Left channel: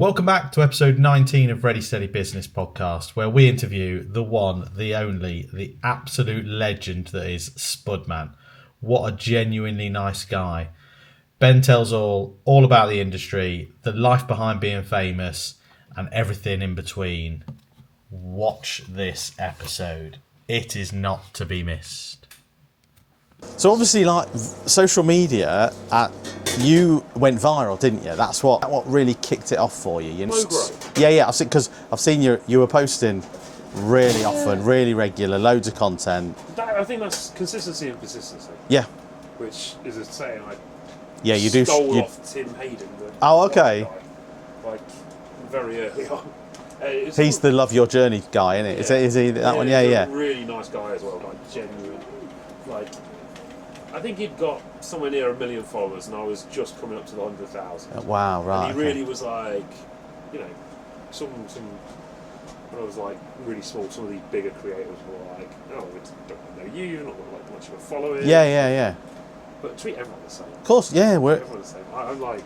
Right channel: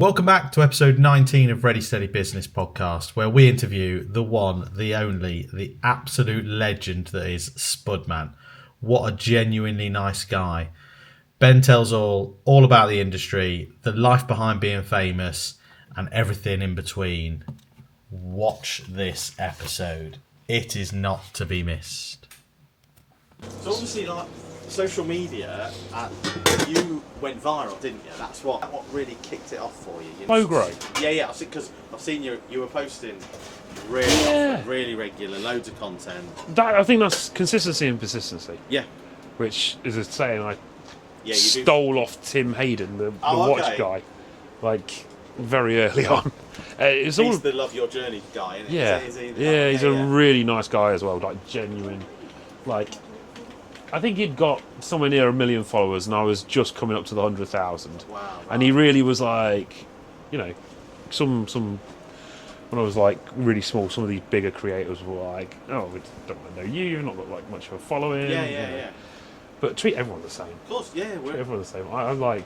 Welcome back to episode 19 of Ready Steady Business podcast, where we interview the one, the only, the absolute legend that is Spudman. What a genuinely nice guy. Ben tells all about the industry, the life behind being famous, and everything in between. Watch this episode. It is not to be missed. So obviously, like social media, you went viral, didn't you? That's what really kicked it off for you. Oh, great. Yeah. Because I've seen you were posting really often, really regular, loads of content. I think that's consistency and persistency. Yeah. Which is a saying I stole off Tim Hayden, the watch guy, like very early on. He's the Love Your Journey guy, isn't it? Yeah. Is he that one? He's a really nice guy as well, like genuine. Like, I think he'd got somewhere near 1 million followers, and I was just coming up to the 100,000. Wow, right. And he really was like, you know, some when I was like really small, some of these bigger creators were like, oh, we don't want to know you, you've not got like much of a following. Yeah. But treat everyone the same. Of course, yeah. Everyone the same. I'm like,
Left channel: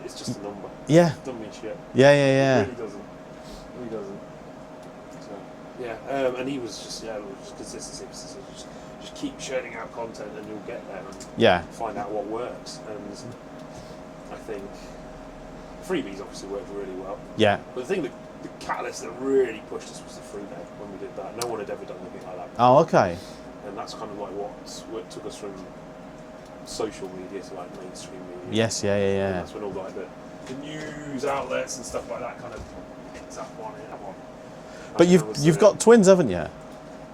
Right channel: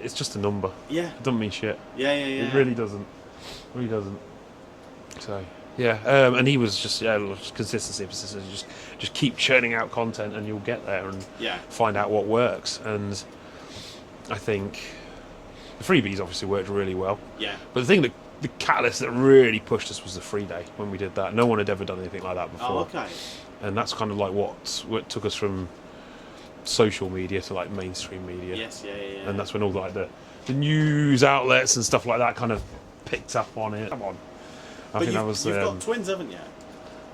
it's just a number. Yeah. It doesn't mean shit. Yeah. It really doesn't. So yeah, and he was just consistency. Just keep churning out content, and you'll get there and find out what works. And I think the freebies obviously worked really well. Yeah. But the thing that the catalyst that really pushed us was the free day when we did that. No one had ever done anything like that before. Oh, okay. And that's kind of like what took us from social media to like mainstream media. Yes, yeah. And that's when all like the news outlets and stuff like that kind of picked up on it. Come on. But you've got twins, haven't you?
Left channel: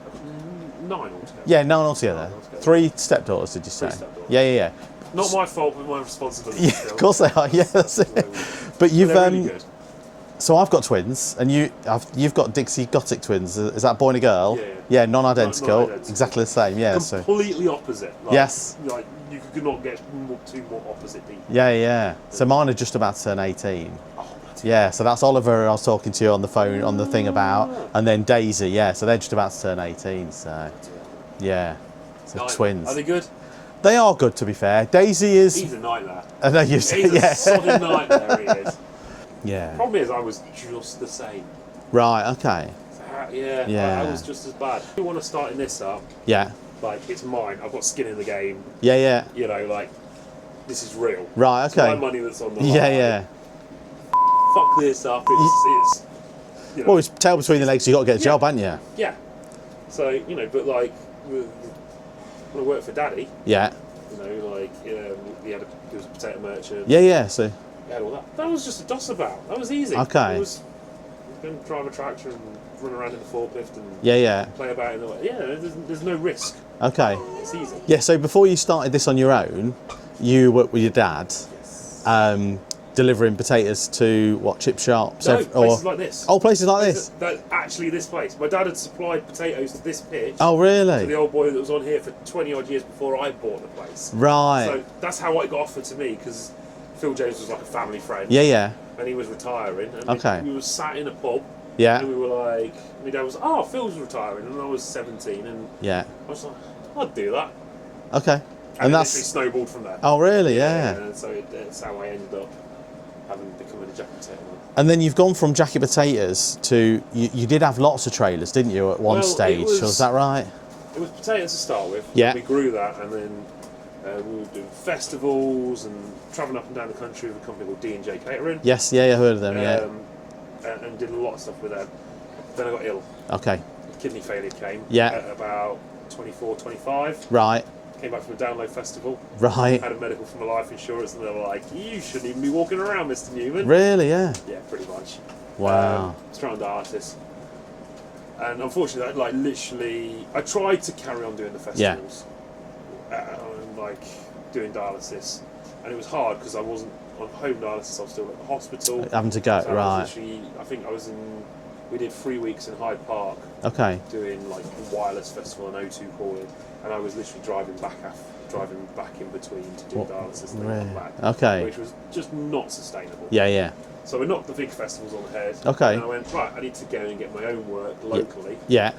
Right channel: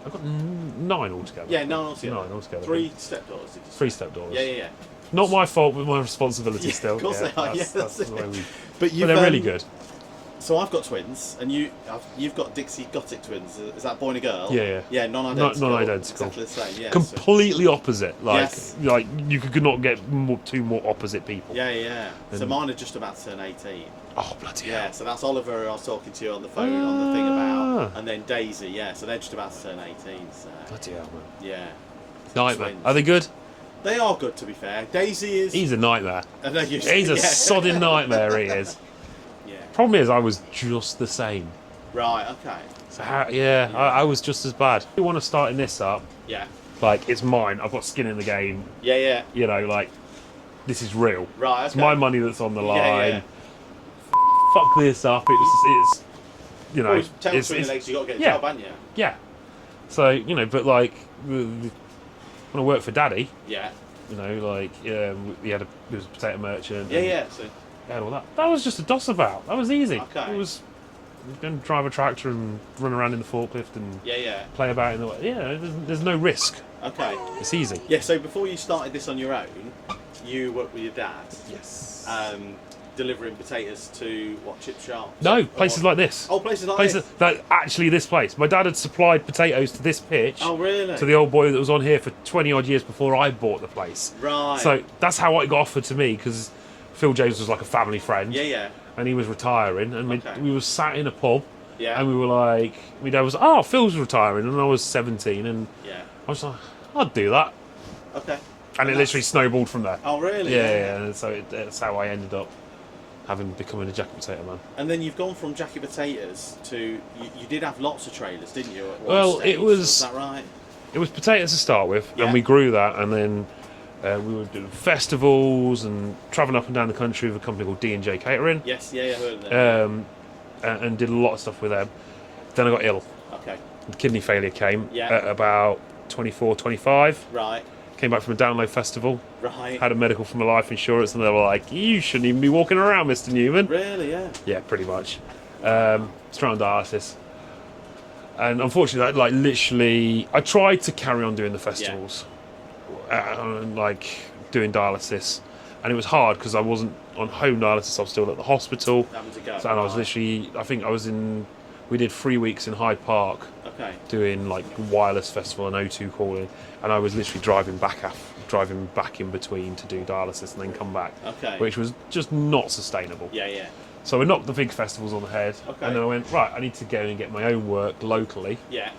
I've got 9 altogether. Yeah, 9 altogether. 3 stepdaughters, did you say? 3 stepdaughters. Yeah. Not my fault, but my responsibility still. Of course they are. That's it. But they're really good. So I've got twins, and you've got Dixie Gothic twins. Is that a boy and a girl? Yeah. Yeah, non-identical. Non-identical. Exactly the same. Yeah. Completely opposite. Like, yes. Like you could not get two more opposite people. Yeah. So mine are just about to turn 18. Oh bloody. Yeah. So that's Oliver. I was talking to you on the phone on the thing about, and then Daisy. Yeah. So they're just about to turn 18. So. Bloody hell, man. Yeah. So twins. Are they good? They are good, to be fair. Daisy is. He's a nightmare. I know you. He's a sodding nightmare. He is. Yeah. Problem is, I was just the same. Right. Okay. So I was just as bad. You want to start this up? Yeah. Like it's mine. I've got skin in the game. Yeah. You know, like this is real. Right. Okay. It's my money that's on the line. Yeah. Fuck this up. It's you know. Well, it's tail between the legs. You got to get a job, haven't you? Yeah. So but like when I worked for Daddy. Yeah. Like he was a potato merchant. Yeah. So. All that. That was just a doss about. That was easy. Okay. It was going to drive a tractor and run around in the forklift and play about in the there's no risk. Okay. It's easy. Yeah. So before you started this on your own, you worked with your dad. Yes. Delivering potatoes to what, chip shops? No, places like this. Oh, places like this. Actually, this place. My dad had supplied potatoes to this pitch. Oh, really? To the old boy that was on here for 20 odd years before I bought the place. Right. So that's how it got offered to me because Phil James was like a family friend. Yeah. And he was retiring, and we were sat in a pub. Yeah. And we were like, my dad was, oh, Phil's retiring, and I was 17, and I was like, I'd do that. Okay. And it literally snowballed from there. Oh, really? Yeah. And so that's how I ended up becoming a jacket potato man. And then you've gone from jacket potatoes to you did have lots of trailers, didn't you, at one stage? Was that right? It was potatoes to start with, yeah. And we grew that, and then we were doing festivals and travelling up and down the country with a company called D&J Catering. Yes, I heard of them. And did a lot of stuff with them. Then I got ill. Okay. Kidney failure came. At about 24, 25. Right. Came back from a download festival. Right. Had a medical from a life insurance, and they were like, "You shouldn't even be walking around, Mr. Newman." Really? Yeah. Yeah, pretty much. Wow. Straight on dialysis. And unfortunately, literally, I tried to carry on doing the festivals, and doing dialysis, and it was hard because I wasn't on home dialysis. I was still at the hospital, having to go. So I was literally, I think I was in. We did 3 weeks in Hyde Park. Okay. Doing like wireless festival and O2 calling, and I was literally driving back in between to do dialysis and then come back. Okay. Which was just not sustainable. Yeah. So we knocked the big festivals on the head. Okay. And then I went, right, I need to go and get my own work locally. Yeah.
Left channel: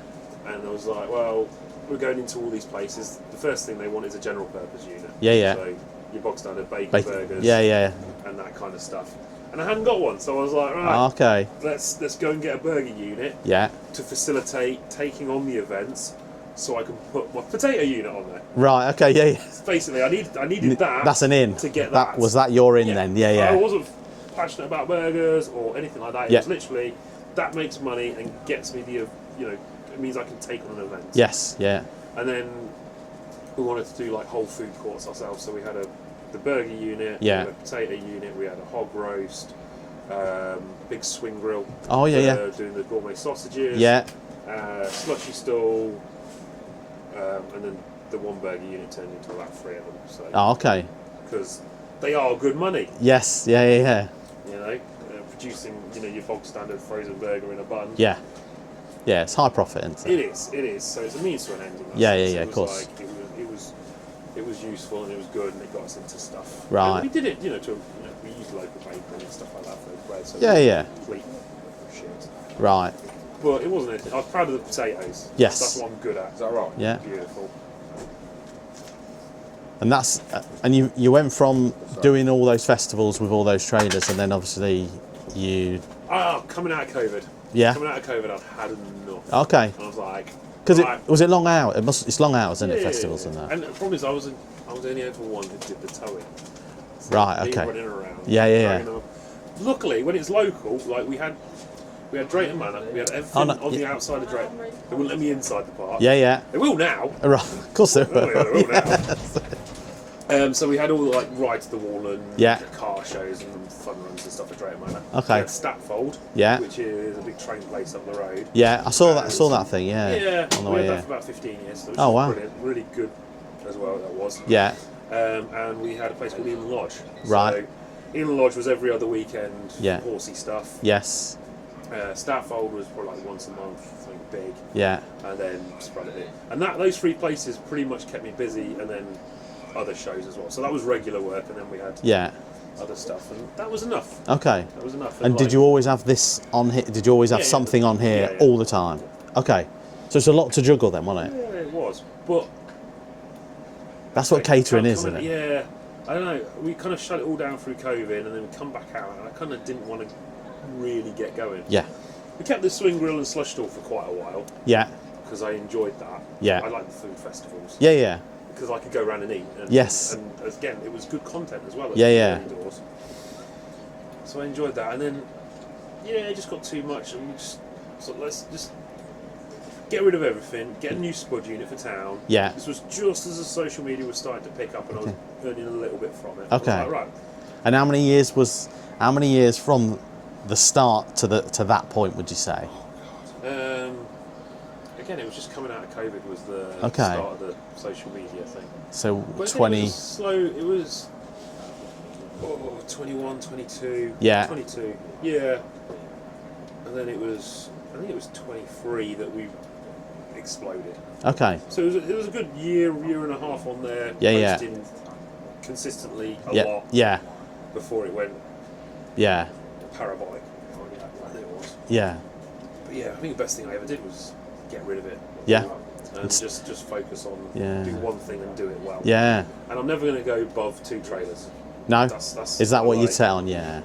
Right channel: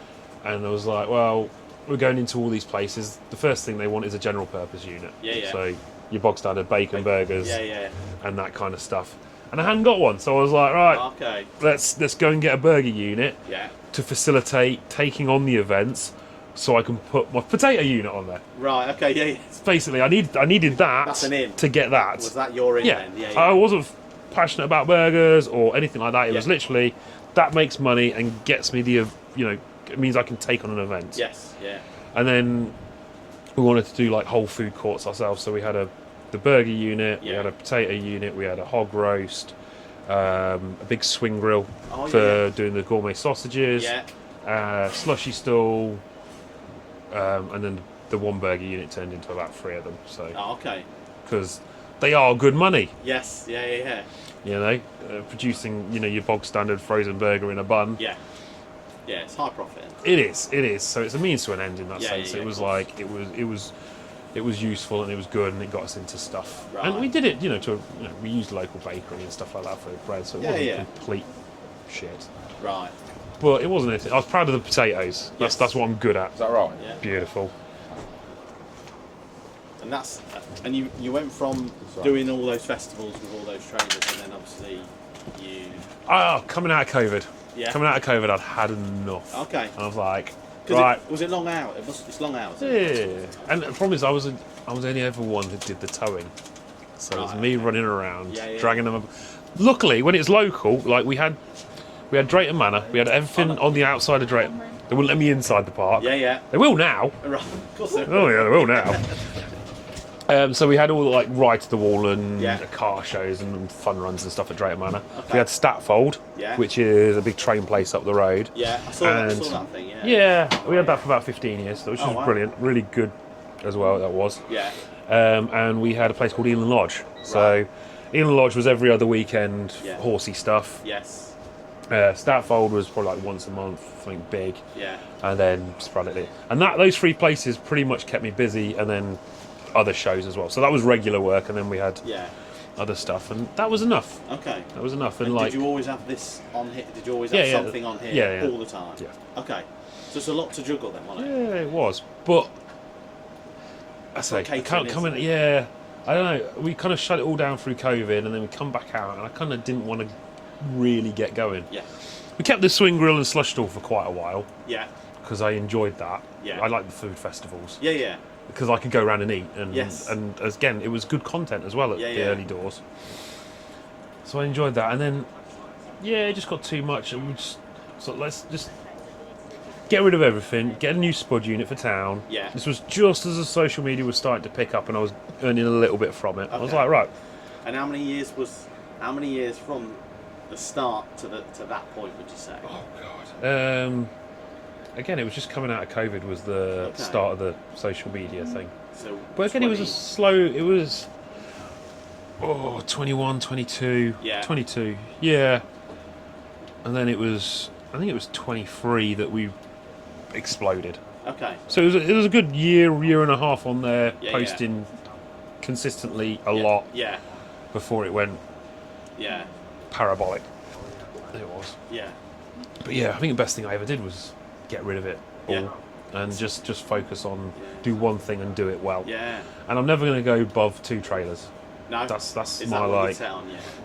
And I was like, well, we're going into all these places. The first thing they want is a general purpose unit. Yeah. So your bog standard bacon burgers. Yeah. And that kind of stuff. and I hadn't got one, so I was like, right, Okay. let's go and get a burger unit Yeah. to facilitate taking on the events, so I can put my potato unit on there. Right. Okay. Yeah. Yeah. Basically, I needed that. That's an in to get that. Was that your in then? Yeah. Yeah. I wasn't passionate about burgers or anything like that. It Yeah. was literally that makes money and gets me the it means I can take on an event. Yes. Yeah. And then we wanted to do like whole food courts ourselves, so we had the burger unit, we Yeah. had a potato unit, we had a hog roast, a big swing grill Oh, yeah, for yeah. doing the gourmet sausages, Yeah. slushy stall, and then the one burger unit turned into about 3 of them. So Oh, okay. because they are good money, Yes. Yeah. Yeah. Yeah. you know, producing your bog standard frozen burger in a bun. Yeah. Yeah. It's high profit. Isn't It is. So it's a means to an end in that Yeah, sense. yeah, yeah, It of was course. like it was useful and it was good and it got us into stuff. Right. And we did it, we used local bakery and stuff like that for bread. So it Yeah, wasn't yeah. complete shit. Right. But it wasn't anything. I was proud of the potatoes. Yes. That's what I'm good at. Is that right? Yeah. Beautiful. And that's and you went from doing all those festivals with all those traders, and then obviously you. Coming out of COVID. Yeah. Coming out of COVID, I'd had enough. Okay. I was like, Because right, was it long hours? It's long hours in the yeah. festivals and that. And the problem is, I was only ever one who did the towing. So Right, me okay. running around, Yeah, yeah, dragging yeah. them. Luckily, when it's local, like we had Drayton Manor, we had everything Oh, no, on the outside of Drayton. They wouldn't let me inside the park. Yeah, yeah. They will now. Right. Of course they Oh yeah, they will now. So we had all like right to the wall and Yeah. car shows and fun runs and stuff at Drayton Manor. Okay. We had Statfold, Yeah. which is a big train place up the road. Yeah, I saw that. I And- saw that thing. Yeah. Yeah, On the we way, had that yeah. for about 15 years, which Oh, was wow. brilliant, really good as well. That was. Yeah. And we had a place called Elan Lodge. Right. So Elan Lodge was every other weekend, Yeah. horsey stuff. Yes. Statfold was probably like once a month, something big, Yeah. and then sporadically. And those 3 places pretty much kept me busy, and then other shows as well. So that was regular work, and then we had Yeah. other stuff, and that was enough. Okay. That was enough. And like, did you always have this on here? Did you always have Yeah, yeah. something on here Yeah, yeah. all the time? Yeah. Okay. So it's a lot to juggle then, wasn't it? Yeah, it was, but That's what catering is, coming- isn't it? Yeah, I don't know. We kind of shut it all down through COVID, and then we come back out, and I kind of didn't want to really get going. Yeah. We kept the swing grill and slush stall for quite a while Yeah. because I enjoyed that. Yeah. I like the food festivals Yeah. Yeah. because I could go around and eat. And, Yes. And again, it was good content as well at Yeah, the yeah. early doors. So I enjoyed that, and then it just got too much, and we just so let's just get rid of everything, get a new spud unit for town. Yeah. This was just as the social media was starting to pick up, and I was earning a little bit from it. I was Okay. like, right, And how many years from the start to that point would you say? again, it was just coming out of COVID was the Okay. start of the social media thing. So But again, 20. it was slow. It was 21, 22. Yeah. 22. Yeah. And then I think it was 23 that we exploded. Okay. So it was a good year and a half on there, Yeah, yeah. posting consistently a Yeah. lot Yeah. before it went Yeah. parabolic. It was. Yeah. But yeah, I think the best thing I ever did was get rid of it. Yeah. all And just focus on Yeah. do one thing and do it well. Yeah. And I'm never going to go above 2 trailers. No. That's Is that my what you like. set on? Yeah.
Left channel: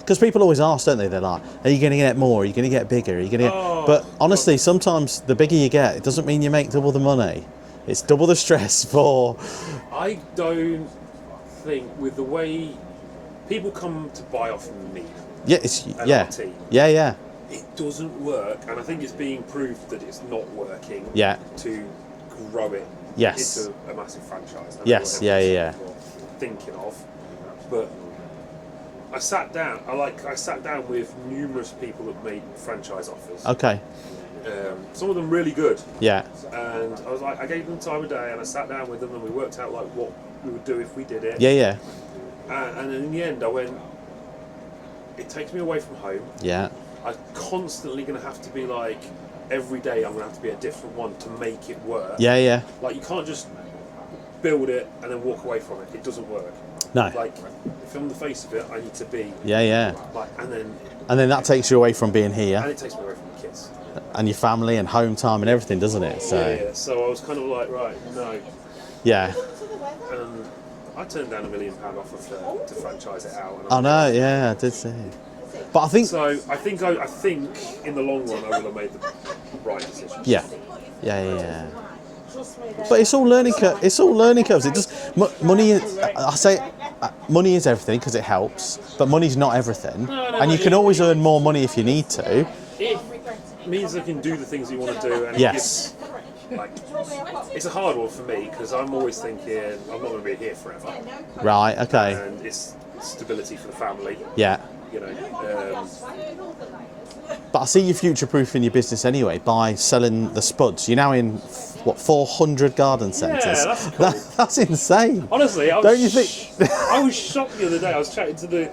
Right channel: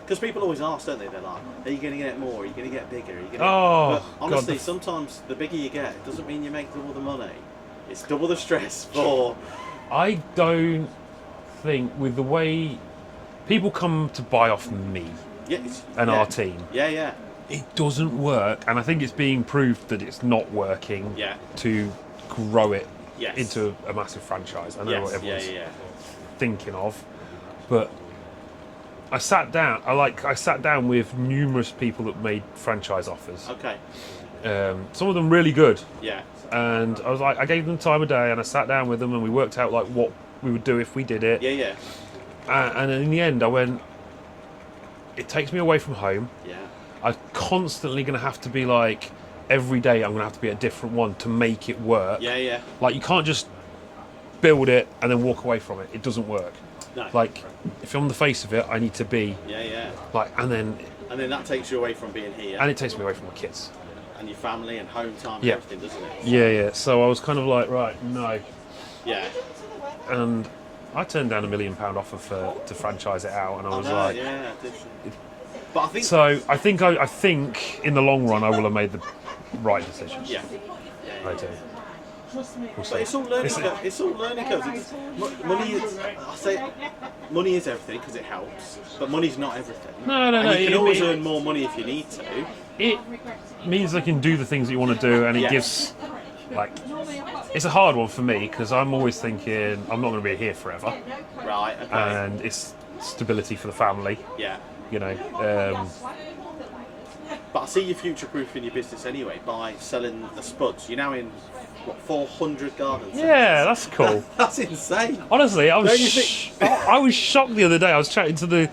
Because people always ask, don't they? They're like, "Are you going to get more? Are you going to get bigger? Are you going to?" Oh, but honestly, God. sometimes the bigger you get, it doesn't mean you make double the money. It's double the stress for. I don't think with the way people come to buy off me Yeah. It's and yeah. our team, Yeah. Yeah. it doesn't work, and I think it's being proved that it's not working. Yeah. To grow it Yes. into a massive franchise. I know Yes. what Yeah. everyone's Yeah. thinking of, but I sat down with numerous people that made franchise offers. Yeah. Okay. Some of them really good, Yeah. and I was like, I gave them time of day, and I sat down with them, and we worked out like what we would do if we did it. Yeah. Yeah. And in the end, I went, it takes me away from home. Yeah. I'm constantly going to have to be like, every day I'm going to have to be a different one to make it work. Yeah. Yeah. Like, you can't just build it and then walk away from it. It doesn't work. No. Like, if I'm the face of it, I need to be Yeah. Yeah. like, and And then that takes you away from being here it takes me away from my kids. and your family and home time and Yeah. everything, doesn't it? So, Yeah. So I was kind of like, right, no. Yeah. And I turned down £1 million offer to franchise it out, and I I was know, like, yeah, I did see. But I think so I think in the long run I will have made the right decision. yeah. But it's all learning. It's all learning curves. It just money. I say money is everything because it helps, but money's not everything. And you can always earn more money if you need to. It means I can do the things that you want to do, and it gives like it's a hard one for me because I'm always thinking I'm not going to be here forever. Right. Okay. And it's stability for the family. Yeah. You know. But I see you future-proofing your business anyway by selling the spuds. You're now in, 400 garden centres? Yeah, that's cool. That's insane. Honestly, I Don't you think? was shocked the other day. I was chatting to the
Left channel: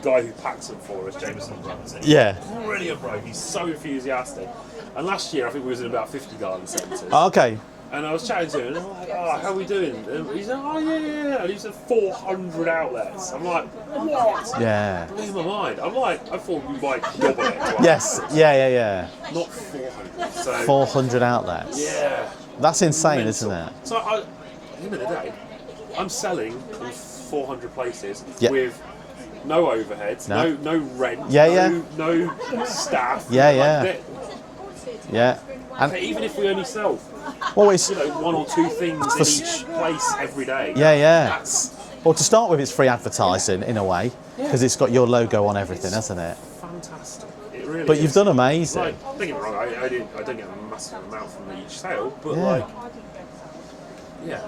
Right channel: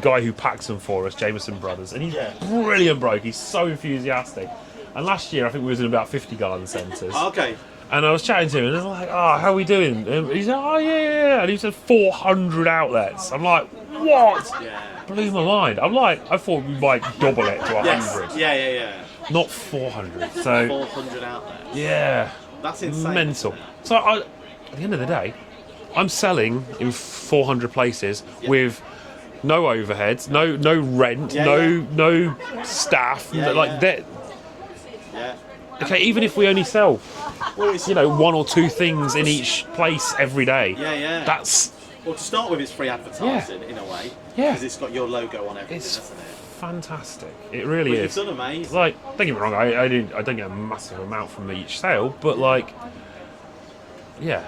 guy who packs them for us, Jameson Brothers, and he's brilliant bloke. He's so enthusiastic. And last year, I think we was in about 50 garden centres. Oh, okay. And I was chatting to him, and I was like, "Oh, how are we doing?" And he said, "Oh yeah," and he said 400 outlets. I'm like, "What?" Yeah. Blew my mind. I'm like, I thought we might double it to 100. Yes. Yeah. Not 400. So 400 outlets. yeah, That's insane, mental. isn't it? So at the end of the day, I'm selling in 400 places with no overheads, no rent, no staff. Yeah. Okay, even if we only sell, it's 1 or 2 things in each place every day. Yeah. That's Well, to start with, it's free advertising in a way because it's got your logo on everything, hasn't it? fantastic. It really But is. you've done amazing. Like, don't get me wrong, I don't get a massive amount from each sale, but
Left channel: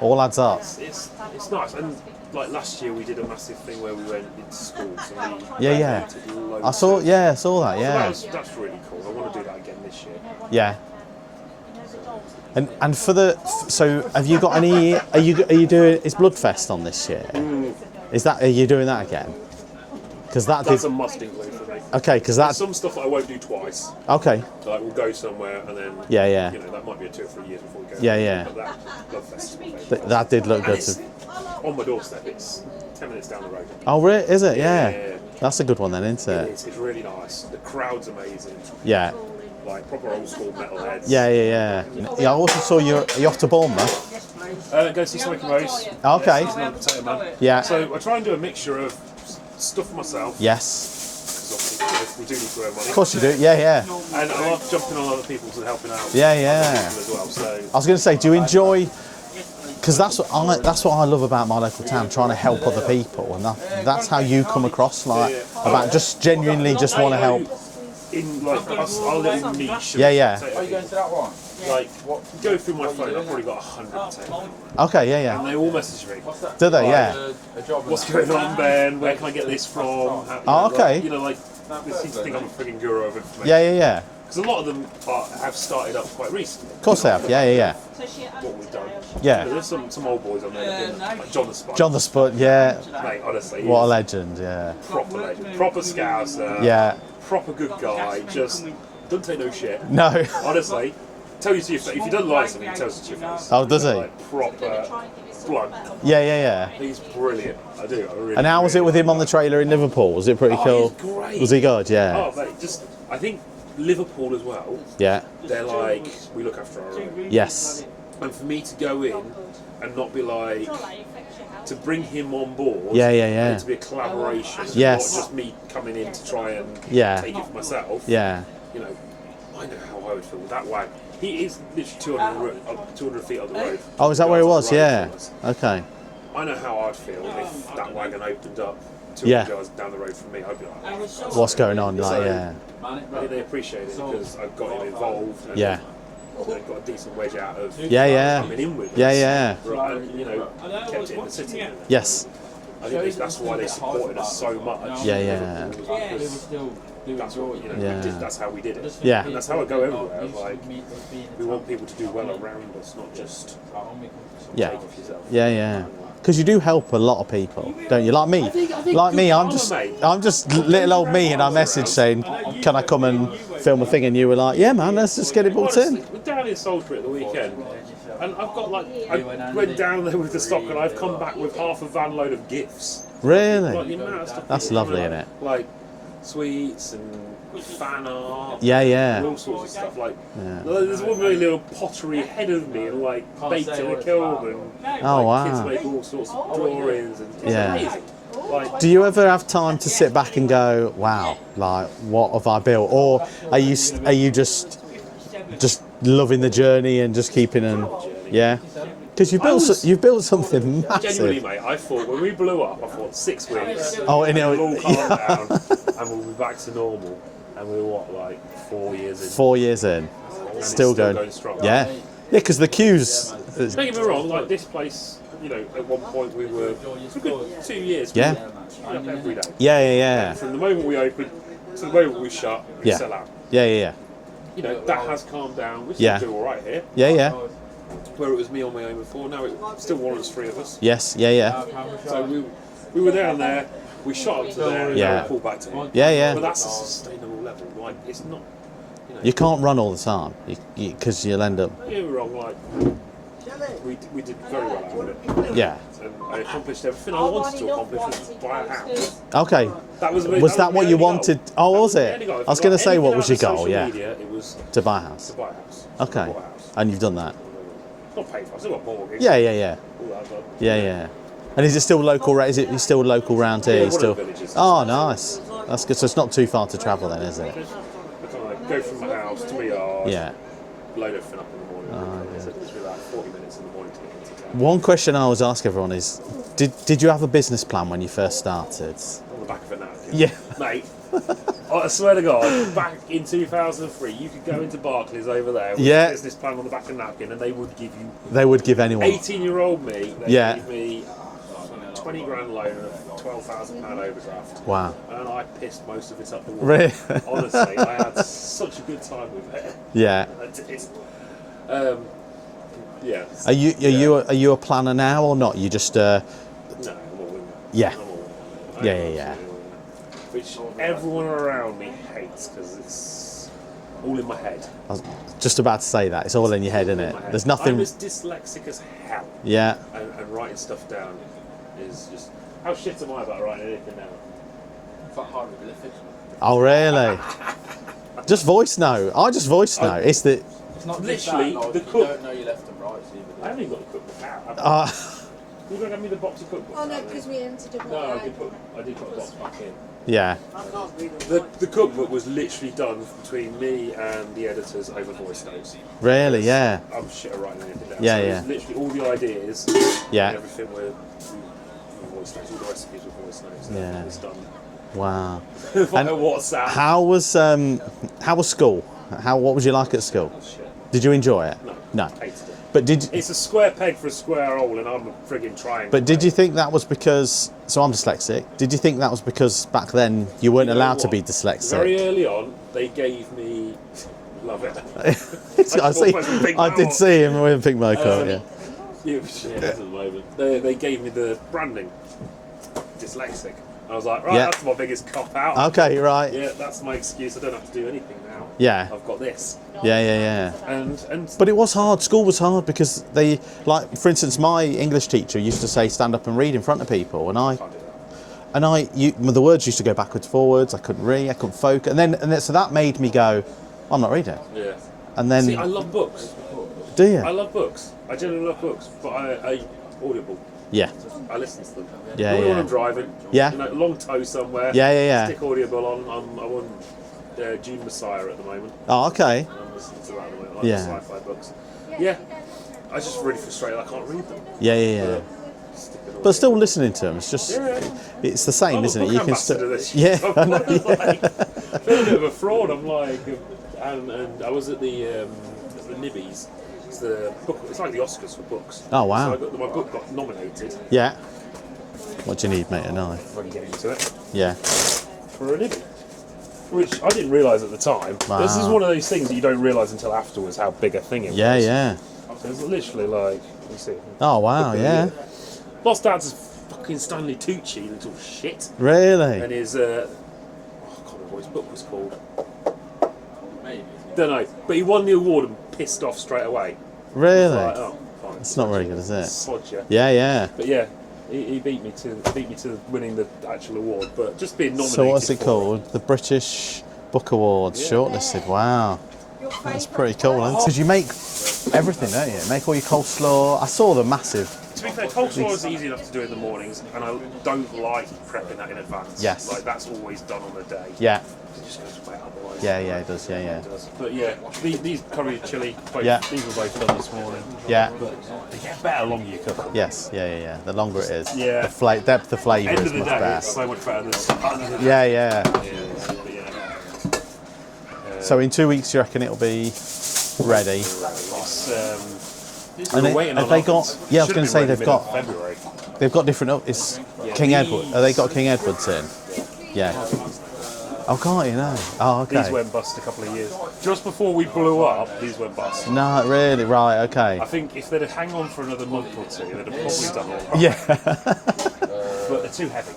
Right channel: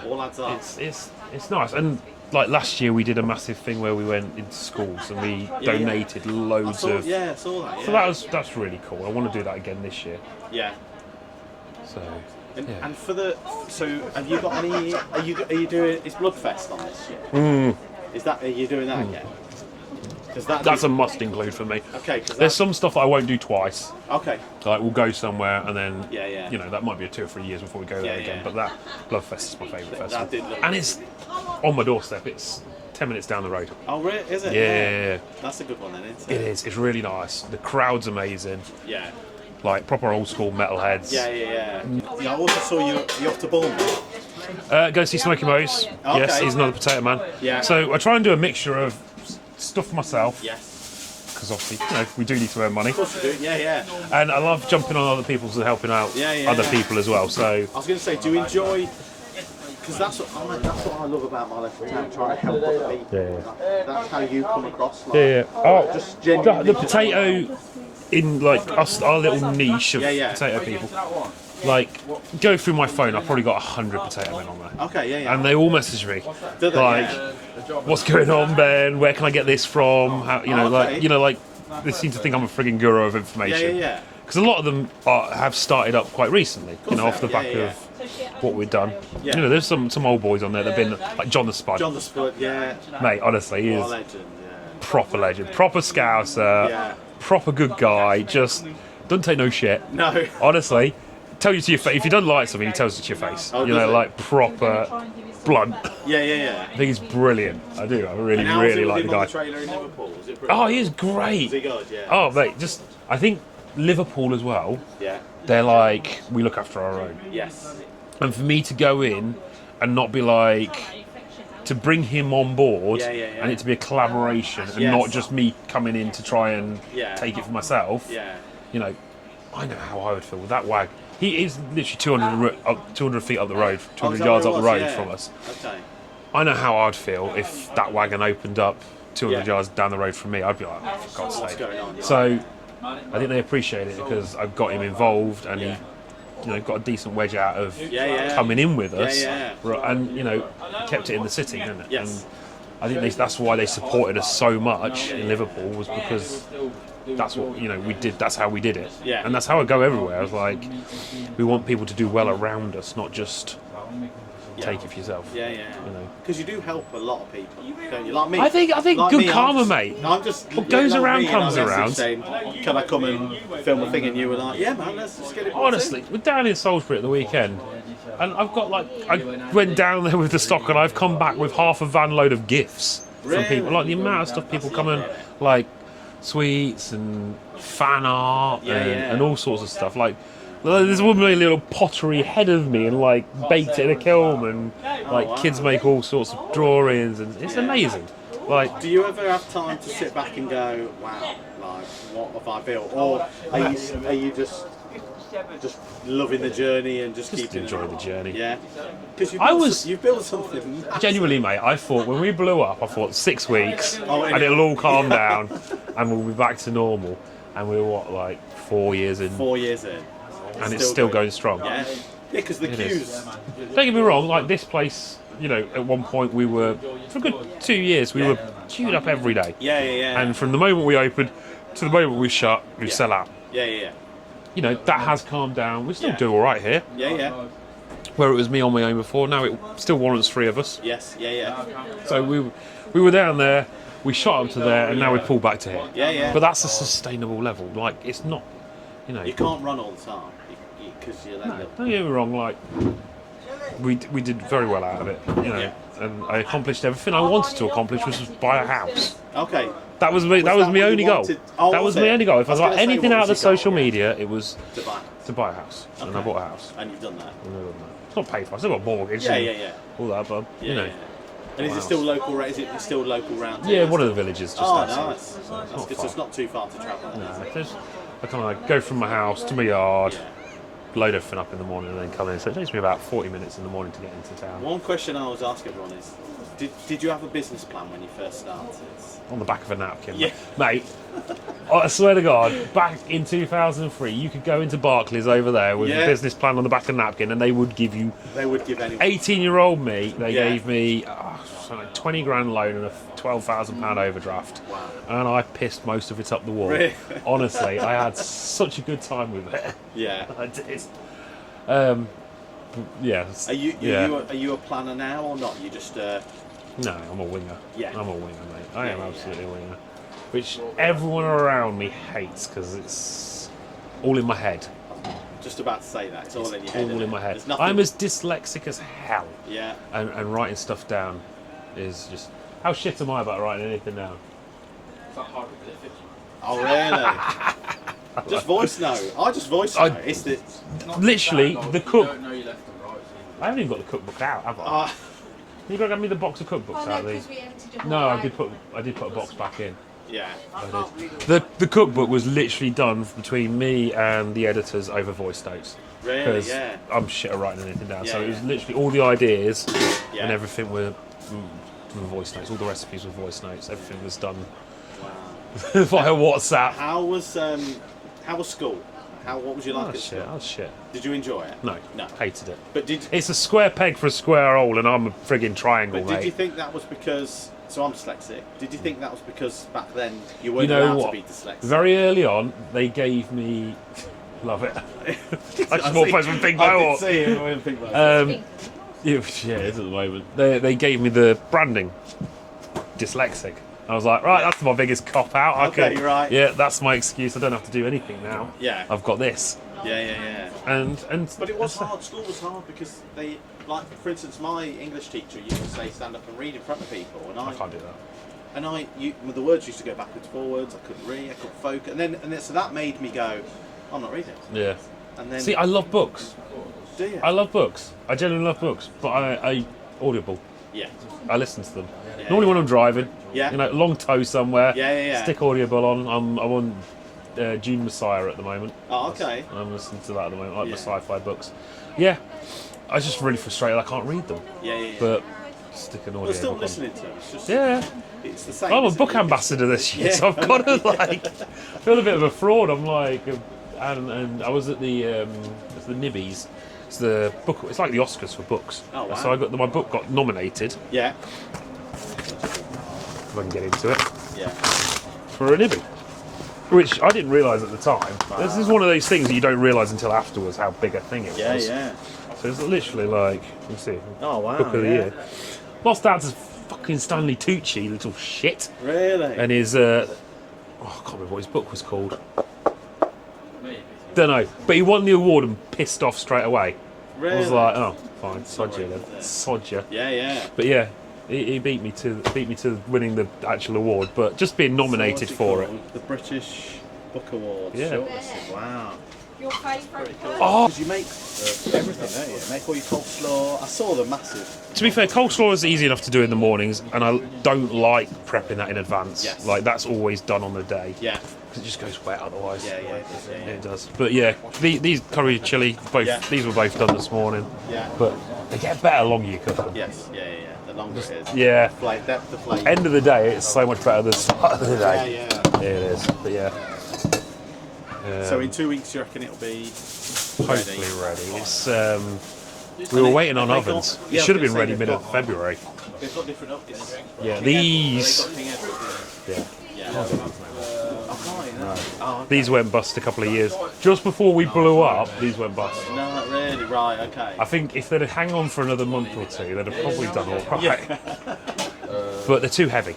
all adds up. It's nice. And like last year, we did a massive thing where we went into schools and we donated loads. I saw that. Yeah. So that's really cool. I want to do that again this year. Yeah. So. And for so have you got any? Are you doing? Is Bloodfest on this year? Are you doing that again? Because that's a must include for me. Okay, because there's some stuff I won't do twice. Okay. Like we'll go somewhere and then you know that might be 2 or 3 years before we go. Yeah. But that Bloodfest is my favourite. That did look and good. It's on my doorstep. It's 10 minutes down the road. Oh, really? Is it? Yeah. That's a good one then, isn't it? It is. It's really nice. The crowd's amazing. Yeah. Like proper old school metalheads. Yeah. I also saw you're off to Bournemouth. Go see Smokey Mo's. Okay. Yes, he's another potato man. Yeah. So I try and do a mixture of stuff myself. Yes. Because obviously, we do need to earn money. Of course you do. Yeah. And I love jumping on other people's and helping out Yeah. other people as well. So I was going to say, do you enjoy? Because that's what I love about my local town, trying to help other people, and that's how you come across. Like just genuinely just want to help. In like our little niche of potato people, like go through my phone, I've probably got 100 potato men on there. Okay, and they all message me. Do they? Like, what's going on, Ben? Where can I get this from? How, they seem to think I'm a frigging guru of information. Yeah. Because a lot of them have started up quite recently. Of course they have. Yeah. What we've done. Yeah. There's some old boys on there that've been like John the Spud. John the Spud, yeah. Mate, honestly, what a legend, yeah. Proper legend, proper scouser. Yeah. Proper good guy. Just doesn't take no shit. No. Honestly, tell you to your face. If you don't like something, he tells you to your face. Oh, does he? Like proper blunt. Yeah. I think he's brilliant. I do. I really. And how was it with like him on the trailer in Liverpool? Was it pretty cool? Oh, he was great. Was he good? Yeah. Oh, mate, I think Liverpool as well. Yeah. They're like, we look after our own. Yes. And for me to go in and not be like, to bring him on board, yeah. and it to be a collaboration, and not just me coming in to try and take it for myself. Yeah. I know how I would feel with that wag. He is literally 200 feet up the road. Oh, is that where it was? Yeah. Okay. I know how I'd feel if that wagon opened up 200 yards down the road from me. I'd be like, what's going on? So I think they appreciate it because I've got him involved and got a decent wedge out of coming in with us. And kept it in the city, didn't it? Yes. And I think that's why they supported us so much in Liverpool, was because that's what we did. That's how we did it. Yeah. And that's how I go everywhere. I was like, we want people to do well around us, not just take it for yourself. Yeah. Because you do help a lot of people, don't you? Like me. I think like good me, karma, mate. I'm just little old me in our message around. saying, "Can I come and film a thing?" And you were like, "Yeah, man, let's just get it booked Honestly, in." we're down in Salisbury at the weekend, and I've got I went down there with the stock, and I've come back with half a van load of gifts. Really? From people. Like the amount of stuff That's people come lovely, and isn't it? like sweets and fan art and all sorts of stuff. Like there's one little pottery ahead of me and like baked it in a kiln and kids make all sorts of drawings and it's amazing. Like, do you ever have time to sit back and go, wow, like what have I built, or are you just loving the journey and just keeping them? The journey. Yeah. Because you've built something massive. Genuinely, mate, I thought when we blew up, I thought 6 weeks and it'll all calm down and we'll be back to normal. And we were like 4 years in. 4 years in. And it's still going strong. Yeah. Yeah, because the queues. Don't get me wrong, like this place, you know, at one point we were, for a good 2 years, we were queued up every day. Yeah. And from the moment we opened to the moment we shut, we sell out. Yeah. You know, that has calmed down. We still do all right here. Yeah. Where it was me on my own before, now it still warrants 3 of us. Yes, yeah. So we were down there, we shot up to there, and now we pulled back to here. Yeah. But that's a sustainable level. Like, it's not, you know. You can't run all the time, because you'll end up. Don't get me wrong, like, we did very well out of it. You know? Yeah. And I accomplished everything I wanted to accomplish, which was buy a house. Okay. That was my only goal. Oh, that was my it? only goal. If I was going to say, what was your goal? Social media, it was to buy a house. To buy a house. Okay. And I bought a house. And you've done that. It's not paid for. I still got a mortgage. Yeah. All that, but Yeah. And is it still local? Is it still local round here? Yeah, one of the villages. Oh, nice. That's good. So it's not too far to travel then, is it? I kind of like go from my house to my yard. Yeah. Load everything up in the morning and then come in. So it takes me about 40 minutes in the morning to get into town. One question I always ask everyone is, did you have a business plan when you first started? On the back of a napkin. Yeah. Mate, I swear to God, back in 2003, you could go into Barclays over there with a business plan on the back of a napkin and they would give you... They would give anyone. 18-year-old me, they gave me 20 grand loan and a £12,000 overdraft. Wow. And I pissed most of it up the wall. Really? Honestly, I had such a good time with it. Yeah. Yeah. Are you a planner now or not? You just No, I'm a winger. Yeah. I'm a winger, mate. I am absolutely a winger. Which everyone around me hates because it's all in my head. I was just about to say that. It's all in your head, isn't it? There's nothing. I'm as dyslexic as hell. Yeah. And writing stuff down is just... How shit am I about writing anything down? It's like hieroglyphics. Oh, really? Just voice note. I just voice note. It's the... Literally, the cook... You don't know your left and right. I haven't even got the cookbook out. You got to give me the box of cookbooks out of these. No, I did put a box back in. Yeah. The cookbook was literally done between me and the editors over voice notes. Really? Yeah. I'm shit at writing anything down. Yeah, so it was literally all the ideas and everything were voice notes. All the recipes were voice notes. Everything was done. Wow. Via WhatsApp. How was school? What was you like at school? Shit. Did you enjoy it? No. Hated it. But it's a square peg for a square hole, and I'm a frigging triangle. But did you think that was because? So I'm dyslexic. Did you think that was because back then you weren't allowed to be dyslexic? Very early on, they gave me. Love it. I did see him with Pink Mocha. Yeah, at the moment. They gave me the branding. Dyslexic. I was like, right, that's my biggest cop out. Okay, right. Yeah, that's my excuse. I don't have to do anything now. Yeah. I've got this. Yeah. And but it was hard. School was hard because they, like, for instance, my English teacher used to say, stand up and read in front of people, and I can't do that. The words used to go backwards, forwards. I couldn't read. I couldn't focus, and then so that made me go, I'm not reading. Yeah. And then see, I love books. Do you? I love books. I genuinely love books, but I Audible. Yeah. I listen to them. Yeah. Normally when I'm driving. Yeah. You know, long tow somewhere. Yeah. Stick Audible on. I'm on Dune Messiah at the moment. Oh, okay. I'm listening to that at the moment, like the sci-fi books. Yeah. I was just really frustrated. I can't read them. Yeah. But still listening to them. It's just. Yeah. It's the same, I'm isn't a it? book ambassador this shit. Yeah. So I've got to feel a bit of a fraud. I'm like, and I was at the Nibbies. It's the book. It's like the Oscars for books. Oh wow! So my book got nominated. Yeah. What do you need, mate? A knife. If I can get into it. Yeah. For a Nibby, which I didn't realise at the time. Wow. This is one of those things that you don't realise until afterwards how big a thing it was. Yeah. So it's literally like, you see. Oh wow! Yeah. Lost out to fucking Stanley Tucci, little shit. Really? And his I can't remember what his book was called. Don't know, but he won the award and pissed off straight away. Really? I was like, oh, fine. It's not very good, is it? Sod ya. Yeah. But yeah, He beat me to winning the actual award, but just being nominated So what's it for called? The British Book Awards, Yeah. shortlisted. Wow. That's pretty cool. Because you make everything, don't you? Make all your coleslaw. I saw the massive. To be fair, coleslaw is easy enough to do in the mornings, and I don't like prepping that in advance. Yes. Like, that's always done on the day. Yeah. It just goes wet otherwise. Yeah, it does. Yeah, It does. But yeah, these curry chili, these were both done this morning. Yeah. But they get better the longer you cook them. Yes. Yeah. The longer it is. Yeah. The depth of flavour. End of the day, it's so much better than the start of the day. Yeah. It is. But yeah. So in 2 weeks, you reckon it'll be ready? It's, And we were waiting on have they ovens. got? Yeah, I was Should going have to been say ready they've got. February. They've got different. It's Yeah, King Edward. Have they these- got King Edwards in? Yeah. Oh, can't you know? Oh, okay. These went bust a couple of years. Just before we blew up, these went bust. No, really? Right. Okay. I think if they'd hang on for another month or two, they'd have probably done all right. Yeah. But they're too heavy.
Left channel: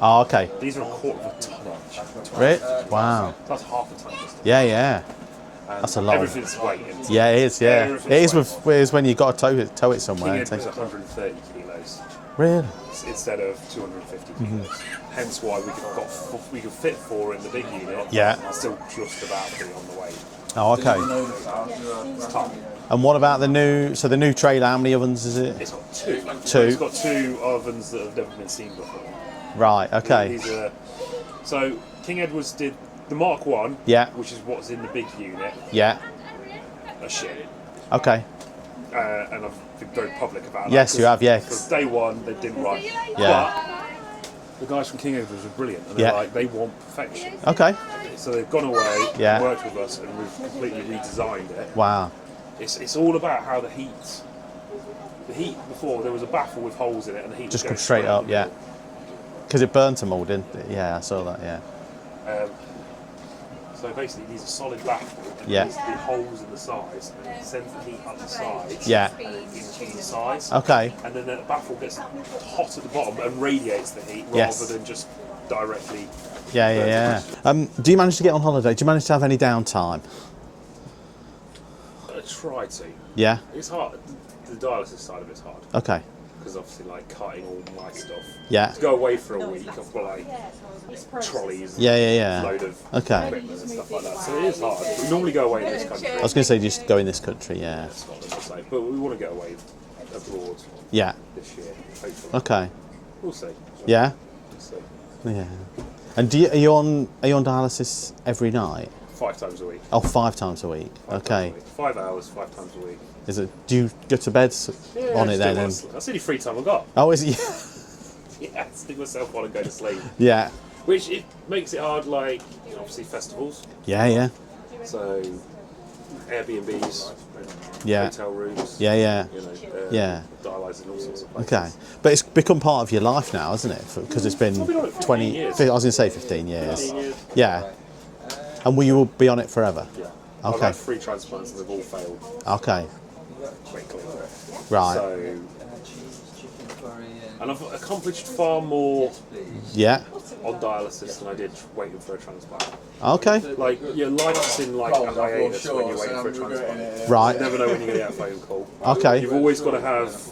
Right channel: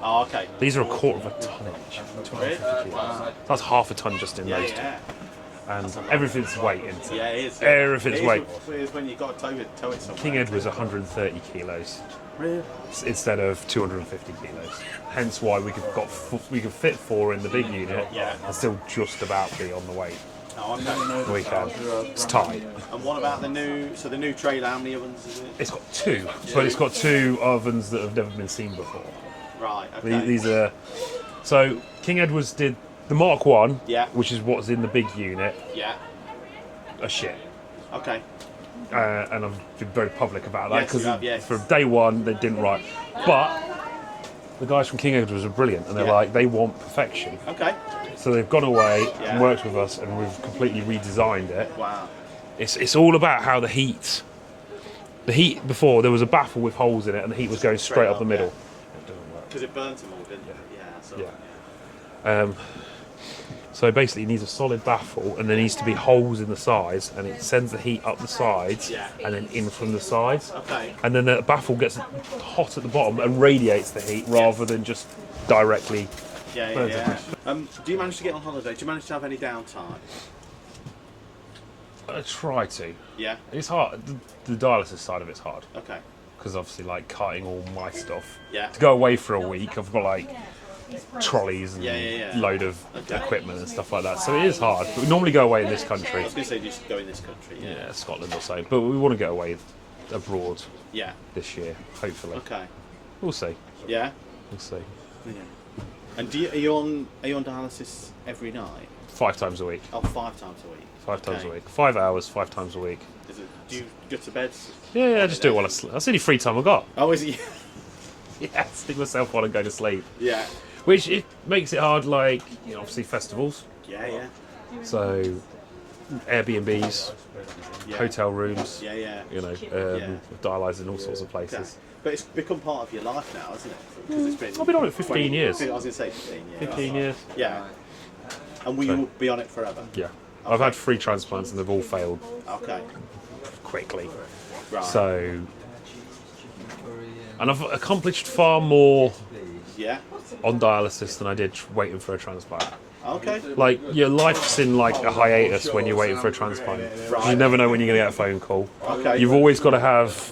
Oh, okay. These are a quarter of a ton each. Really? Wow. That's half a ton just in Yeah, those. yeah. And That's a lot. Everything's weight into Yeah, it is. Yeah. Everything's It is weight. with when you got to tow it somewhere. King and Edward's take- 130 kilos Really? instead of 250 kilos. Hence why we could fit 4 in the big unit. Yeah. And still just about be on the weight. Oh, okay. We can. It's tight. And what about the new? So the new trailer, how many ovens is it? It's got 2. Two? But it's got 2 ovens that have never been seen before. Right. Okay. These are. So King Edward's did the Mark 1, Yeah. which is what's in the big unit, Yeah. a shit. Okay. And I've been very public about that. Yes, you 'cause have, yes. From day one, they didn't write. Yeah. But the guys from King Edward's are brilliant, and they're Yeah. like, they want perfection. Okay. So they've gone away Yeah. and worked with us, and we've completely redesigned it. Wow. It's all about how the heat before, there was a baffle with holes in it, and the heat was Just going go straight up up, the yeah. middle. Because it burnt them all, didn't it? Yeah, I saw that. Yeah. So basically, it needs a solid baffle, and there Yeah. needs to be holes in the sides, and it sends the heat up the sides, Yeah. and then in from the sides. Okay. And then the baffle gets hot at the bottom and radiates the heat Yes. rather than just directly. Yeah. Do you manage to get on holiday? Do you manage to have any downtime? I try to. Yeah. It's hard. The dialysis side of it's hard Okay. because obviously, like cutting all my stuff. Yeah. To go away for a week, I've got like trolleys, and Yeah. load of Okay. equipment and stuff like that. So it is hard. We normally go away in this country, I was going to say just go in this country. Yeah. Scotland or so, but we want to go away abroad Yeah. this year, hopefully. Okay. We'll see. Yeah. We'll see. Yeah. And are you on dialysis every night? 5 times a week. Oh, 5 times a week. 5 okay. times a week. 5 hours, 5 times a week. Is it? Do you go to bed Yeah, on I it just then? do it when that's the only free time I've got. Oh, is it? Yeah, stick myself on and go to sleep. Yeah. Which it makes it hard, like, you know, obviously festivals. Yeah. So, Airbnbs, Yeah. hotel rooms. Yeah. You know, Yeah. dialyzing in all sorts of places. Okay. But it's become part of your life now, hasn't it? Because it's been I've been on it 15 years. I was going to say 15 years. 15 years. Yeah. And will you be on it forever? Yeah. I've Okay. had 3 transplants and they've all failed Okay. quickly. Right. So, and I've accomplished far more Yeah. on dialysis than I did waiting for a transplant. Okay. Like, your life's in like a hiatus when you're waiting for a transplant. Right. You never know when you're going to get a phone call. Okay. You've always got to have,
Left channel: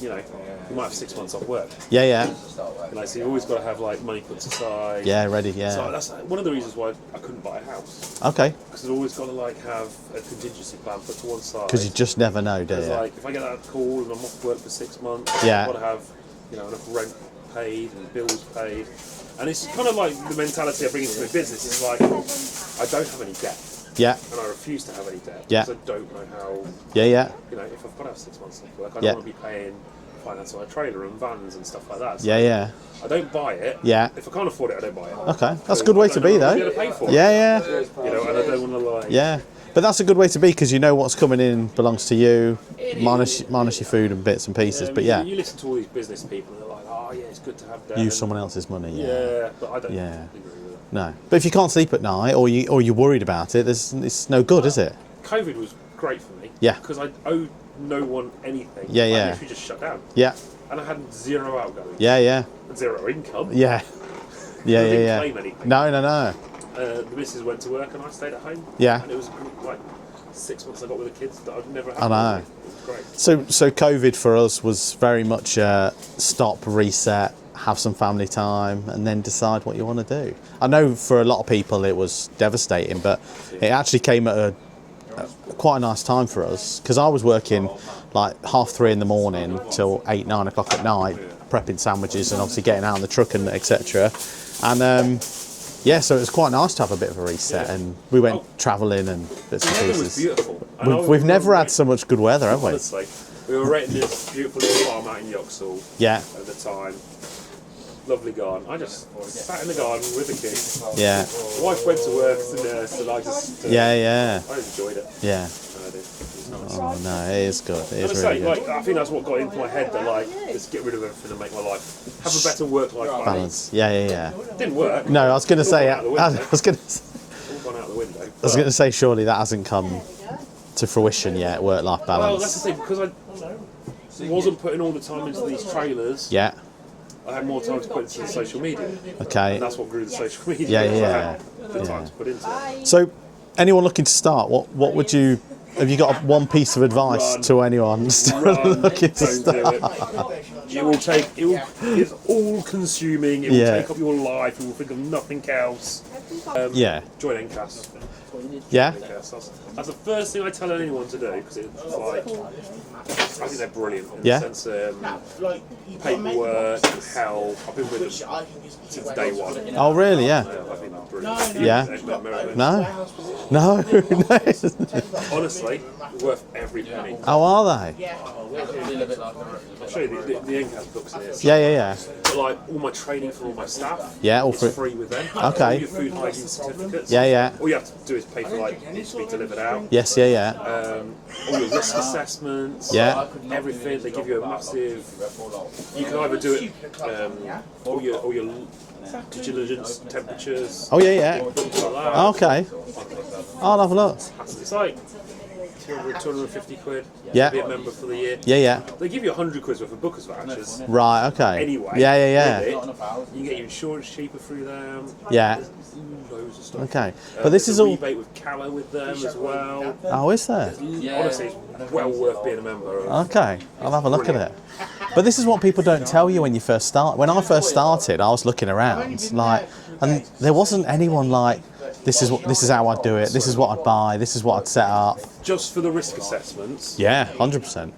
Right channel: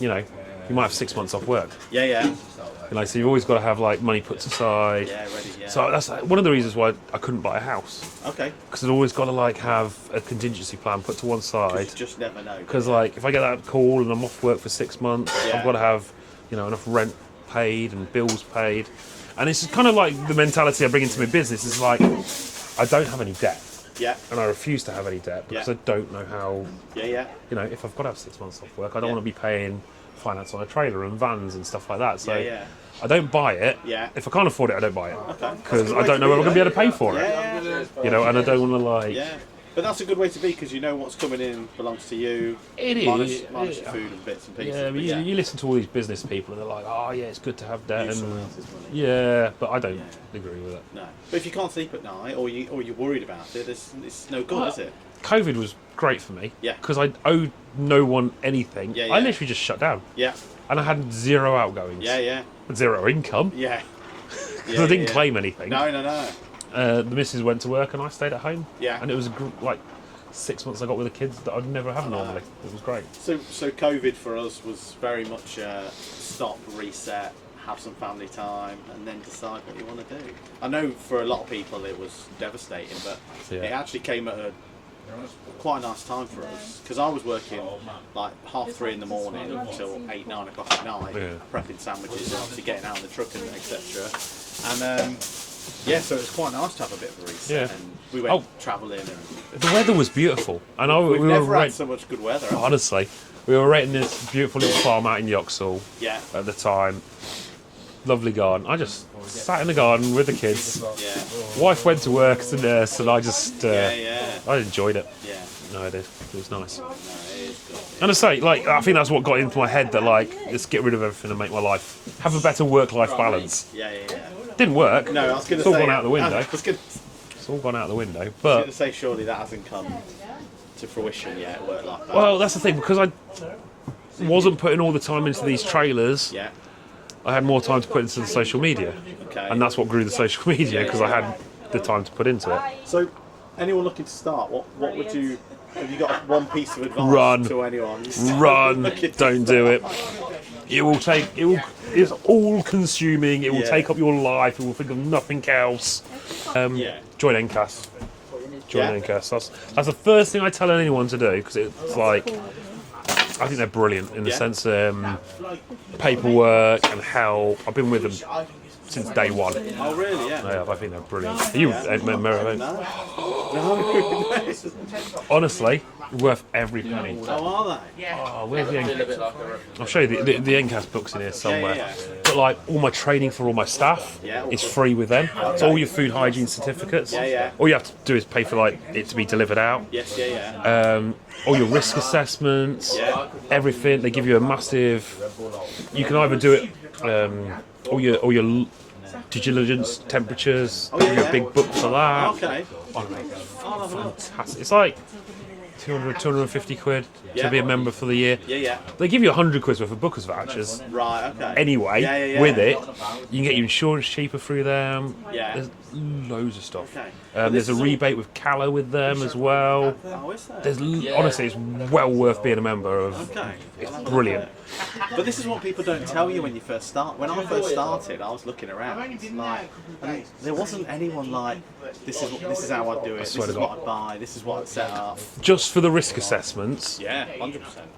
you know, you might have 6 months off work. Yeah. You know, so you've always got to have like money put aside. Yeah. Ready. Yeah. So that's one of the reasons why I couldn't buy a house, Okay. because I've always got to like have a contingency plan put to one side. Because you just never know, do Because you? like if I get that call and I'm off work for 6 months, Yeah. I've got to have, you know, enough rent paid and bills paid. And it's kind of like the mentality I bring into my business is like, I don't have any debt, Yeah. and I refuse to have any debt Yeah. because I don't know how, Yeah. you know, if I've got to have 6 months off work, I don't Yeah. want to be paying finance on a trailer and vans and stuff like that. So Yeah. I don't buy it. Yeah. If I can't afford it, I don't buy it. Okay. That's 'Cause a good I way don't to know be, when I'm though. going to be able to pay for it. Yeah. You know, and I don't want to like. Yeah. But that's a good way to be because you know what's coming in belongs to you, It is. minus your food and bits and pieces. I But mean, yeah, you listen to all these business people and they're like, oh yeah, it's good to have debt. use and- someone else's money. Yeah, but I don't Yeah. agree with it. No. But if you can't sleep at night or you're worried about it, it's no good, is it? COVID was great for me. Yeah. Because I owed no one anything. Yeah. I literally just shut down. Yeah. And I had 0 outgoings. Yeah. And 0 income. Yeah. I didn't claim anything. No. The missus went to work and I stayed at home. Yeah. And it was like 6 months I got with the kids that I'd never had. I know. It was great. So COVID for us was very much stop, reset, have some family time, and then decide what you want to do. I know for a lot of people it was devastating, but it actually came at a quite a nice time for us, because I was working like 3:30 in the morning till 8, 9 o'clock at night, prepping sandwiches and obviously getting out on the truck and etc. And so it was quite nice to have a bit of a reset, and we went travelling and the weather was beautiful. We've never had so much good weather, have we? Honestly, we were renting this beautiful little farm out in Yoxall at the time. Lovely garden. I just sat in the garden with the kids. Yeah. Wife went to work as a nurse, and I just I enjoyed it. Yeah. No, I did. It was nice. Oh no, it is good. And I say, like, I think that's what got into my head, that like, let's get rid of everything and make my life have a better work-life balance. Yeah. Didn't work. No, I was going to It's all say. gone out the window. It's all gone out the window. I was going to say, surely that hasn't come to fruition yet. Work-life balance. Well, that's the thing, because I wasn't putting all the time into these trailers. Yeah. I had more time to put into the social media. Okay. And that's what grew the social media, because I had the time to put into it. So, anyone looking to start, what would you? Have you got one piece of advice to anyone? Run! Don't do it. It's all consuming. It will take up your life. It will think of nothing else. Join NCAS. Join NCAS. That's the first thing I tell anyone to do, because it's like, I think they're brilliant in the sense paperwork and help. I've been with them since day one. Oh, really? Yeah. I think they're brilliant. Are you No. Honestly, worth every penny. How are they? Where's the NCAS? I'll show you the NCAS books in here somewhere. Yeah. But like all my training for all my staff is free with them. Okay. So all your food hygiene certificates. Yeah. All you have to do is pay for like it to be delivered out. Yes. Yeah. All your risk assessments. Yeah. Everything. They give you a massive. You can either do it. All your due diligence temperatures. Oh yeah. A big book for that. Okay. I'll have a look. It's like 200, 250 quid to be a member for the year. Yeah. They give you 100 quid worth of bookers vouchers. Right, okay. Anyway, with it, you can get your insurance cheaper through them. Yeah. There's loads of stuff. Okay. But There's this is a rebate with Calla with them as well. Oh, is there? Honestly, it's well worth being a member of. Okay, I'll have a look at it. But this is what people don't tell you when you first start. When I first started, I was looking around, and there wasn't anyone like, this is how I'd do it, this is what I'd buy, this is what I'd set up. Just for the risk assessments. Yeah, 100%.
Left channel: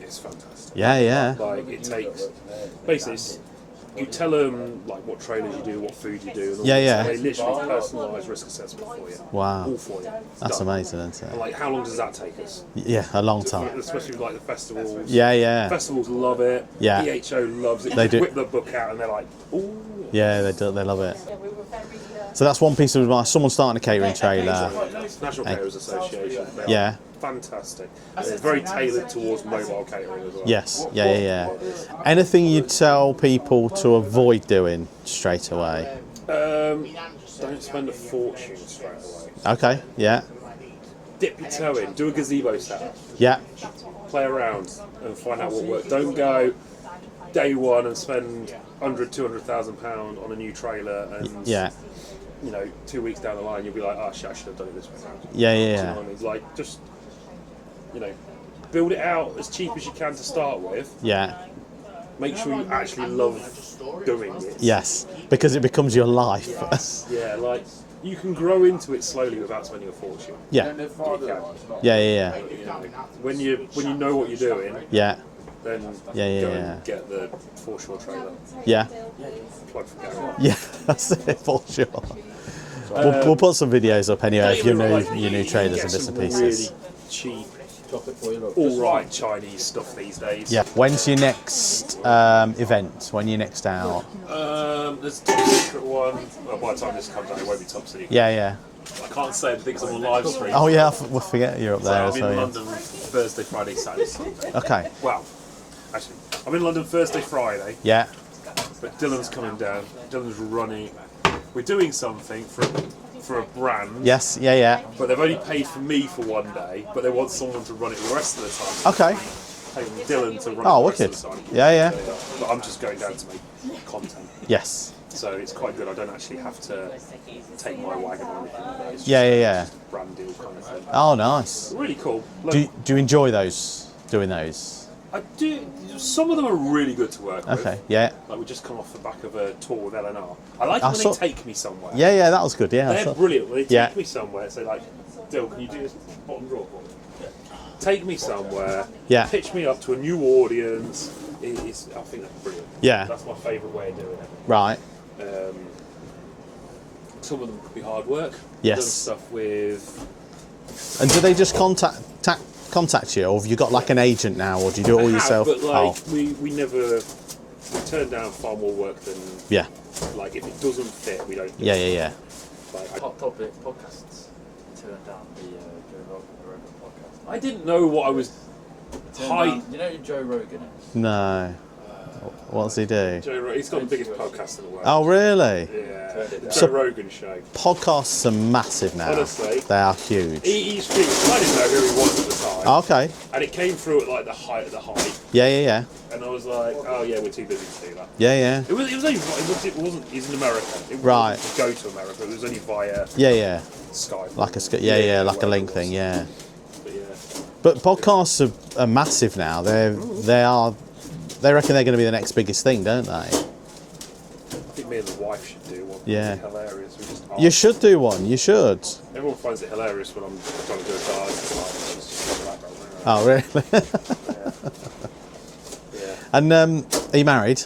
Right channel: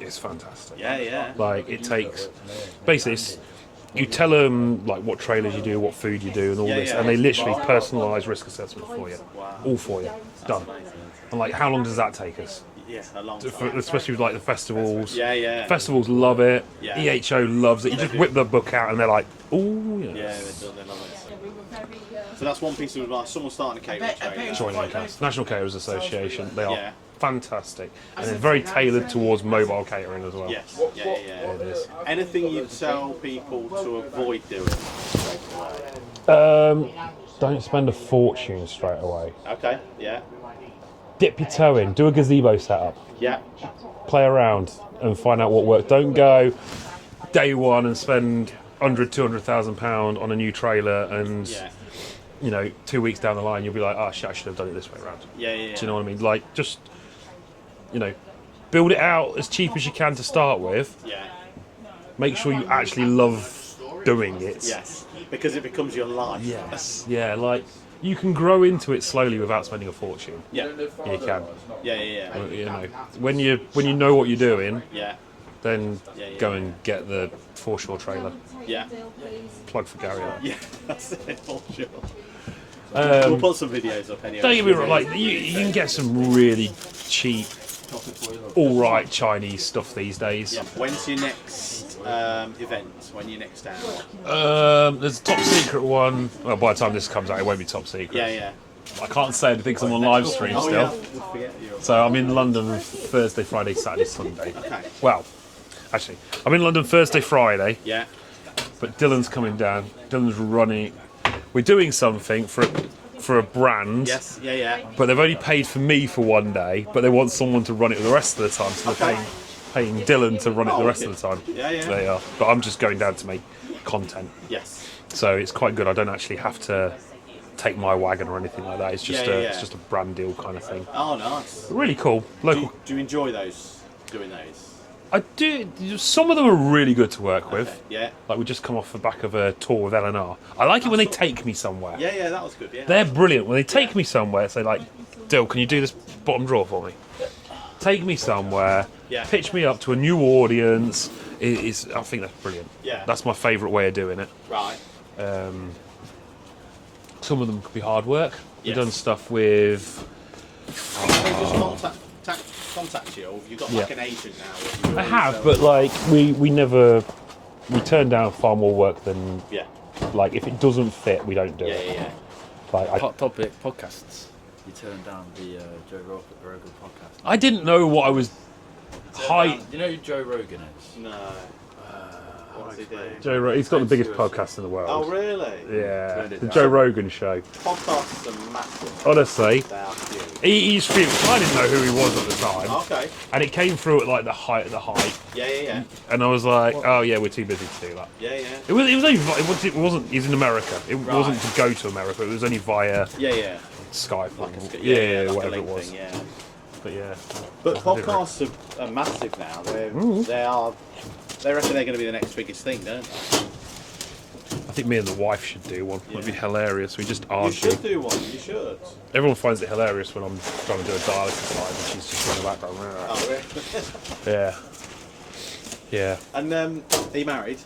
It's fantastic. Yeah. Like, it takes, basically, you tell them like what trailers you do, what food you do, and all this, and they literally personalise risk assessment for you. Wow. All for you. That's amazing, isn't it? And like, how long does that take us? Yeah, a long time. Especially with like the festivals. Yeah. Festivals love it. Yeah. EHO loves it. You just whip the book out and they're like, oh. Yeah, they do. They love it. So that's one piece of advice. Someone starting a catering trailer. National Caterers Association. They are fantastic. And it's very tailored towards mobile catering as well. Yes. Yeah. Anything you'd tell people to avoid doing straight away? Don't spend a fortune straight away. Okay. Yeah. Dip your toe in. Do a gazebo setup. Yeah. Play around and find out what works. Don't go day one and spend £100,000-200,000 on a new trailer and 2 weeks down the line you'll be like, oh shit, I should have done it this way around. Yeah. Do you know what I mean? Like, just build it out as cheap as you can to start with. Yeah. Make sure you actually love doing it. Yes, because it becomes your life. Yes. Yeah, like you can grow into it slowly without spending a fortune. Yeah. You can. Yeah. When you know what you're doing. Yeah. Then go and get the foreshore trailer. Yeah. Plug for Gary. Yeah, that's it, for sure. We'll put some videos up anyway. You can get some really cheap, alright Chinese stuff these days. Yeah. When's your next event? When are you next out? There's a top secret one. Well, by the time this comes out, it won't be top secret. Yeah. I can't say anything because I'm on live stream. Oh, yeah, we'll forget you're up there. So I'm in London Thursday, Friday, Saturday, Sunday. Okay. Well, actually, I'm in London Thursday, Friday. Yeah. But Dylan's coming down. Dylan's running. We're doing something for a brand. Yes, yeah. But they've only paid for me for one day, but they want someone to run it the rest of the time. So okay. Paying Dylan to run it the rest of the time. Yeah. They are. But I'm just going down to make content. Yes. So it's quite good. I don't actually have to take my wagon or anything like that. It's just, Yeah. It's just a brand deal kind of thing. Oh, nice. Really cool. Do you enjoy doing those? I do. Some of them are really good to work with. Okay, yeah. Like we just come off the back of a tour with L&R. I like it when they take me somewhere. Yeah, that was good, yeah. They're brilliant. When they take me somewhere, say like, Dill, can you do this bottom drawer for me? Take me somewhere, pitch me up to a new audience. I think that's brilliant. Yeah. That's my favourite way of doing it. Right. Some of them could be hard work. Yes. We've done stuff with... And do they just contact you, or have you got like an agent now, or do you do it all yourself? But like we never... We turn down far more work than... Yeah. Like, if it doesn't fit, we don't do it. Yeah. Like, Hot topic podcasts. You turned down the Joe Rogan podcast. I didn't know what I was... You know who Joe Rogan is? No. What does he do? He's got the biggest podcast in the world. Oh, really? Yeah, the Joe Rogan show. Podcasts are massive now. Honestly. They are huge. He's famous. I didn't know who he was at the time. Okay. And it came through at like the height of the hype. Yeah. And I was like, oh yeah, we're too busy to do that. Yeah. It wasn't. He's in America. It wasn't to go to America. It was only via Yeah. Skype. Like a like a link thing. Yeah. But yeah. But podcasts are massive now. They reckon they're going to be the next biggest thing, don't they? I think me and the wife should do one. Yeah. It'd be hilarious. We just ask. You should do one. You should. Everyone finds it hilarious when I'm trying to do a dialysis live and she's just in the background. Oh, really? Yeah. Yeah. And are you married?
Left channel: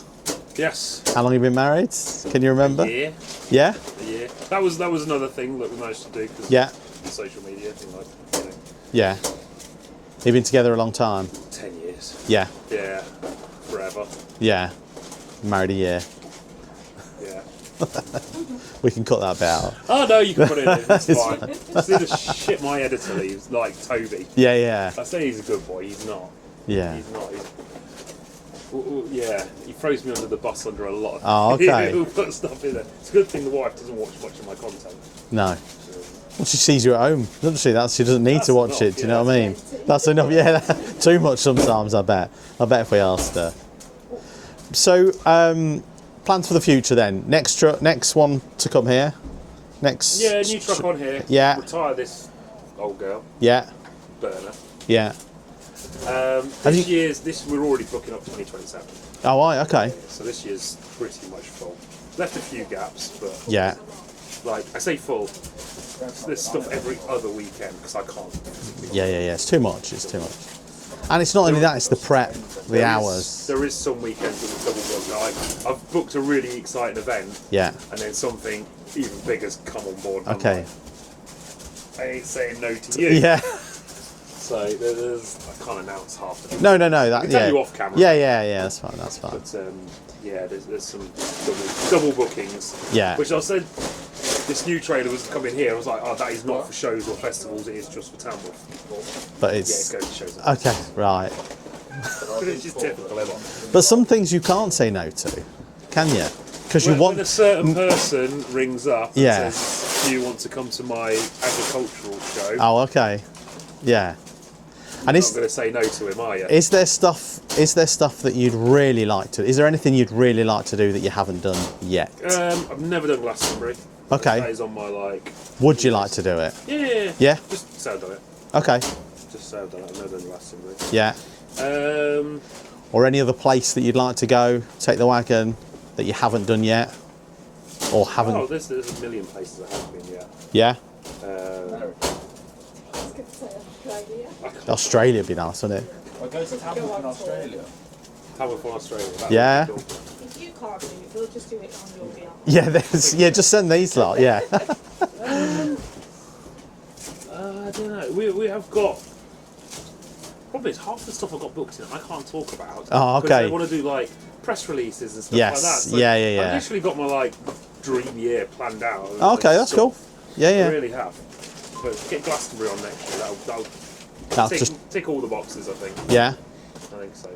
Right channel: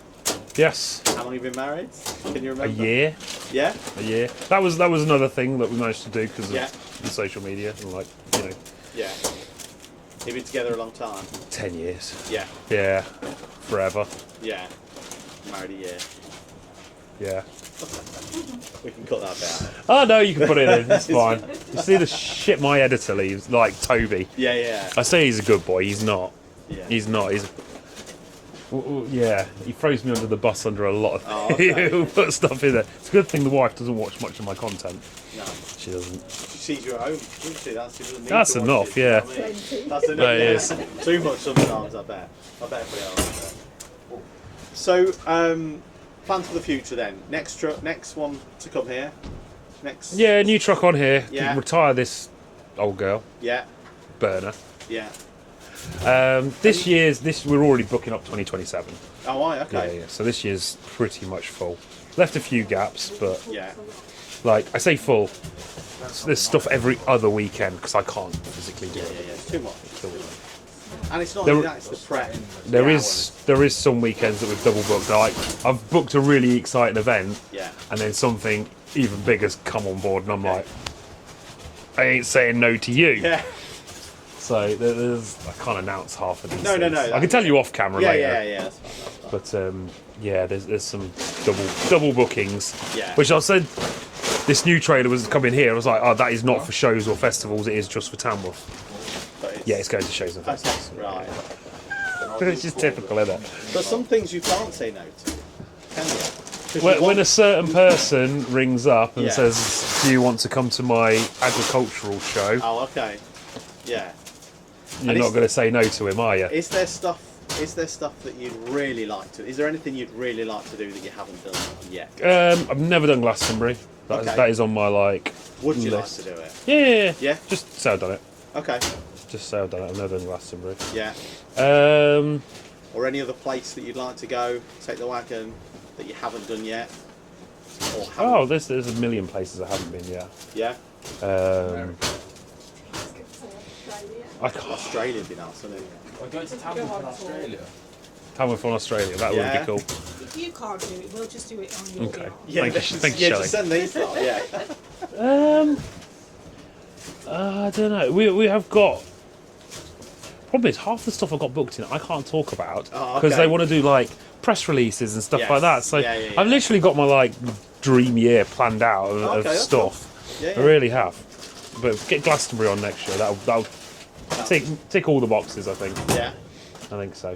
Yes. How long have you been married? Can you remember? A year. Yeah? A year. That was another thing that we managed to do because of the social media and like, Yeah. You've been together a long time? 10 years. Yeah. Yeah. Forever. Yeah. Married a year. Yeah. We can cut that bit out. Oh no, you can put it in. It's fine. You see the shit my editor leaves, like Toby. Yeah. I say he's a good boy. He's not. Yeah. He's not. Yeah. He throws me under the bus under a lot of. Oh, okay. He'll put stuff in there. It's a good thing the wife doesn't watch much of my content. No. She doesn't. She sees you at home, doesn't she? She doesn't need to watch enough, it. Do you know what I mean? That's enough. No, Yeah. Too much sometimes. I bet if we asked her. So, plans for the future then? Next one to come here. Next. Yeah, new truck on here. Yeah. Retire this old girl. Yeah. Burner. Yeah. We're already booking up 2027. Oh, right, okay. Yeah, so this year's pretty much full. Left a few gaps, but Yeah. like I say full. There's stuff every other weekend because I can't physically. Yeah. It's too much. It's too much. And it's not only that; it's the prep, the hours. There is some weekends that we've double booked. Like I've booked a really exciting event, Yeah. and then something even bigger's come on board. And Okay. I'm like, I ain't saying no to you. Yeah. So I can't announce half of these. No. things. I can tell you off camera. Yeah, later. yeah. That's fine. That's fine. But there's some double bookings. Yeah. Which I said, this new trailer was coming here. I was like, oh, that is not for shows or festivals. It is just for Tamworth. But it's Yeah, it's going to shows. And okay. Right. it's just typical, isn't it? But some things you can't say no to, can you? Because When a certain person rings up and Yeah. says, do you want to come to my agricultural show? Oh, okay. Yeah. You're and not going to say no to him, are you? Is there stuff that you'd really like to? Is there anything you'd really like to do that you haven't done yet? I've never done Glastonbury. Okay. That is on my Would you list. like to do it? Yeah. Yeah? Just say I've done it. Okay. Just say I've done it. I've never done Glastonbury. Yeah. Or any other place that you'd like to go, take the wagon, that you haven't done yet? Or haven't? Oh, there's a million places I haven't been yet. Yeah? I can't. Australia would be nice, wouldn't it? We're going to Tamworth in Australia. Tamworth on Australia. That Yeah. would be cool. If you can't do it, we'll just do it on your Okay. behalf. Yeah, Thanks, yeah. Shelley. Just send these lot. Yeah. I don't know. We have got probably it's half the stuff I've got booked in I can't talk about Oh, because okay. they want to do like press releases and stuff Yes. like that. So Yeah. I've literally got my like dream year planned out. Of, Okay, of that's stuff. cool. Yeah, yeah. I really have. But get Glastonbury on next year. That'll That's tick, just tick all the boxes. I think. yeah. I think so.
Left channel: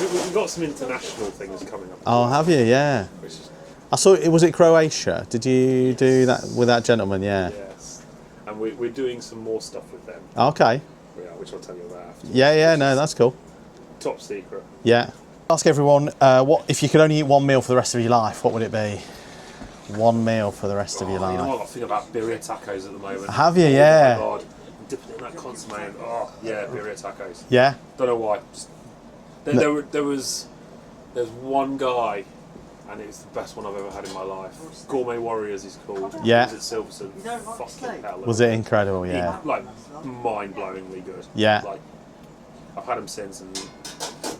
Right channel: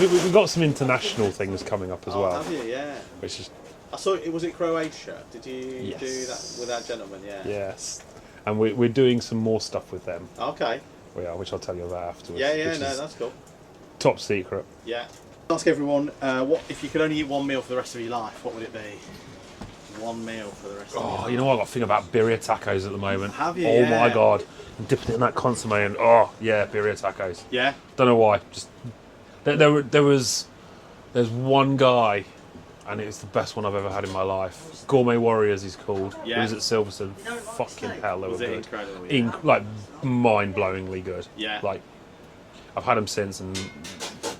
We've got some international things coming up as Oh, well. have you? Yeah. Which is I saw it. Was it Croatia? Did you do that with that gentleman? Yeah. yes, and we're doing some more stuff with them. Okay. Which I'll tell you about afterwards. Yeah. which No, is that's cool. top secret. Yeah. Ask everyone, what if you could only eat one meal for the rest of your life? What would it be? One meal for the rest of your life. You know what? I got to think about birria tacos at the moment. Have you? Oh Yeah. my god. I'm dipping it in that consomme and birria tacos. Yeah. Don't know why. Just there's one guy, and it's the best one I've ever had in my life. Gourmet Warriors, he's called. Yeah. He was at Silverstone. Fucking hell. Was it incredible? Yeah. Like mind-blowingly good. Yeah. Like I've had them since, and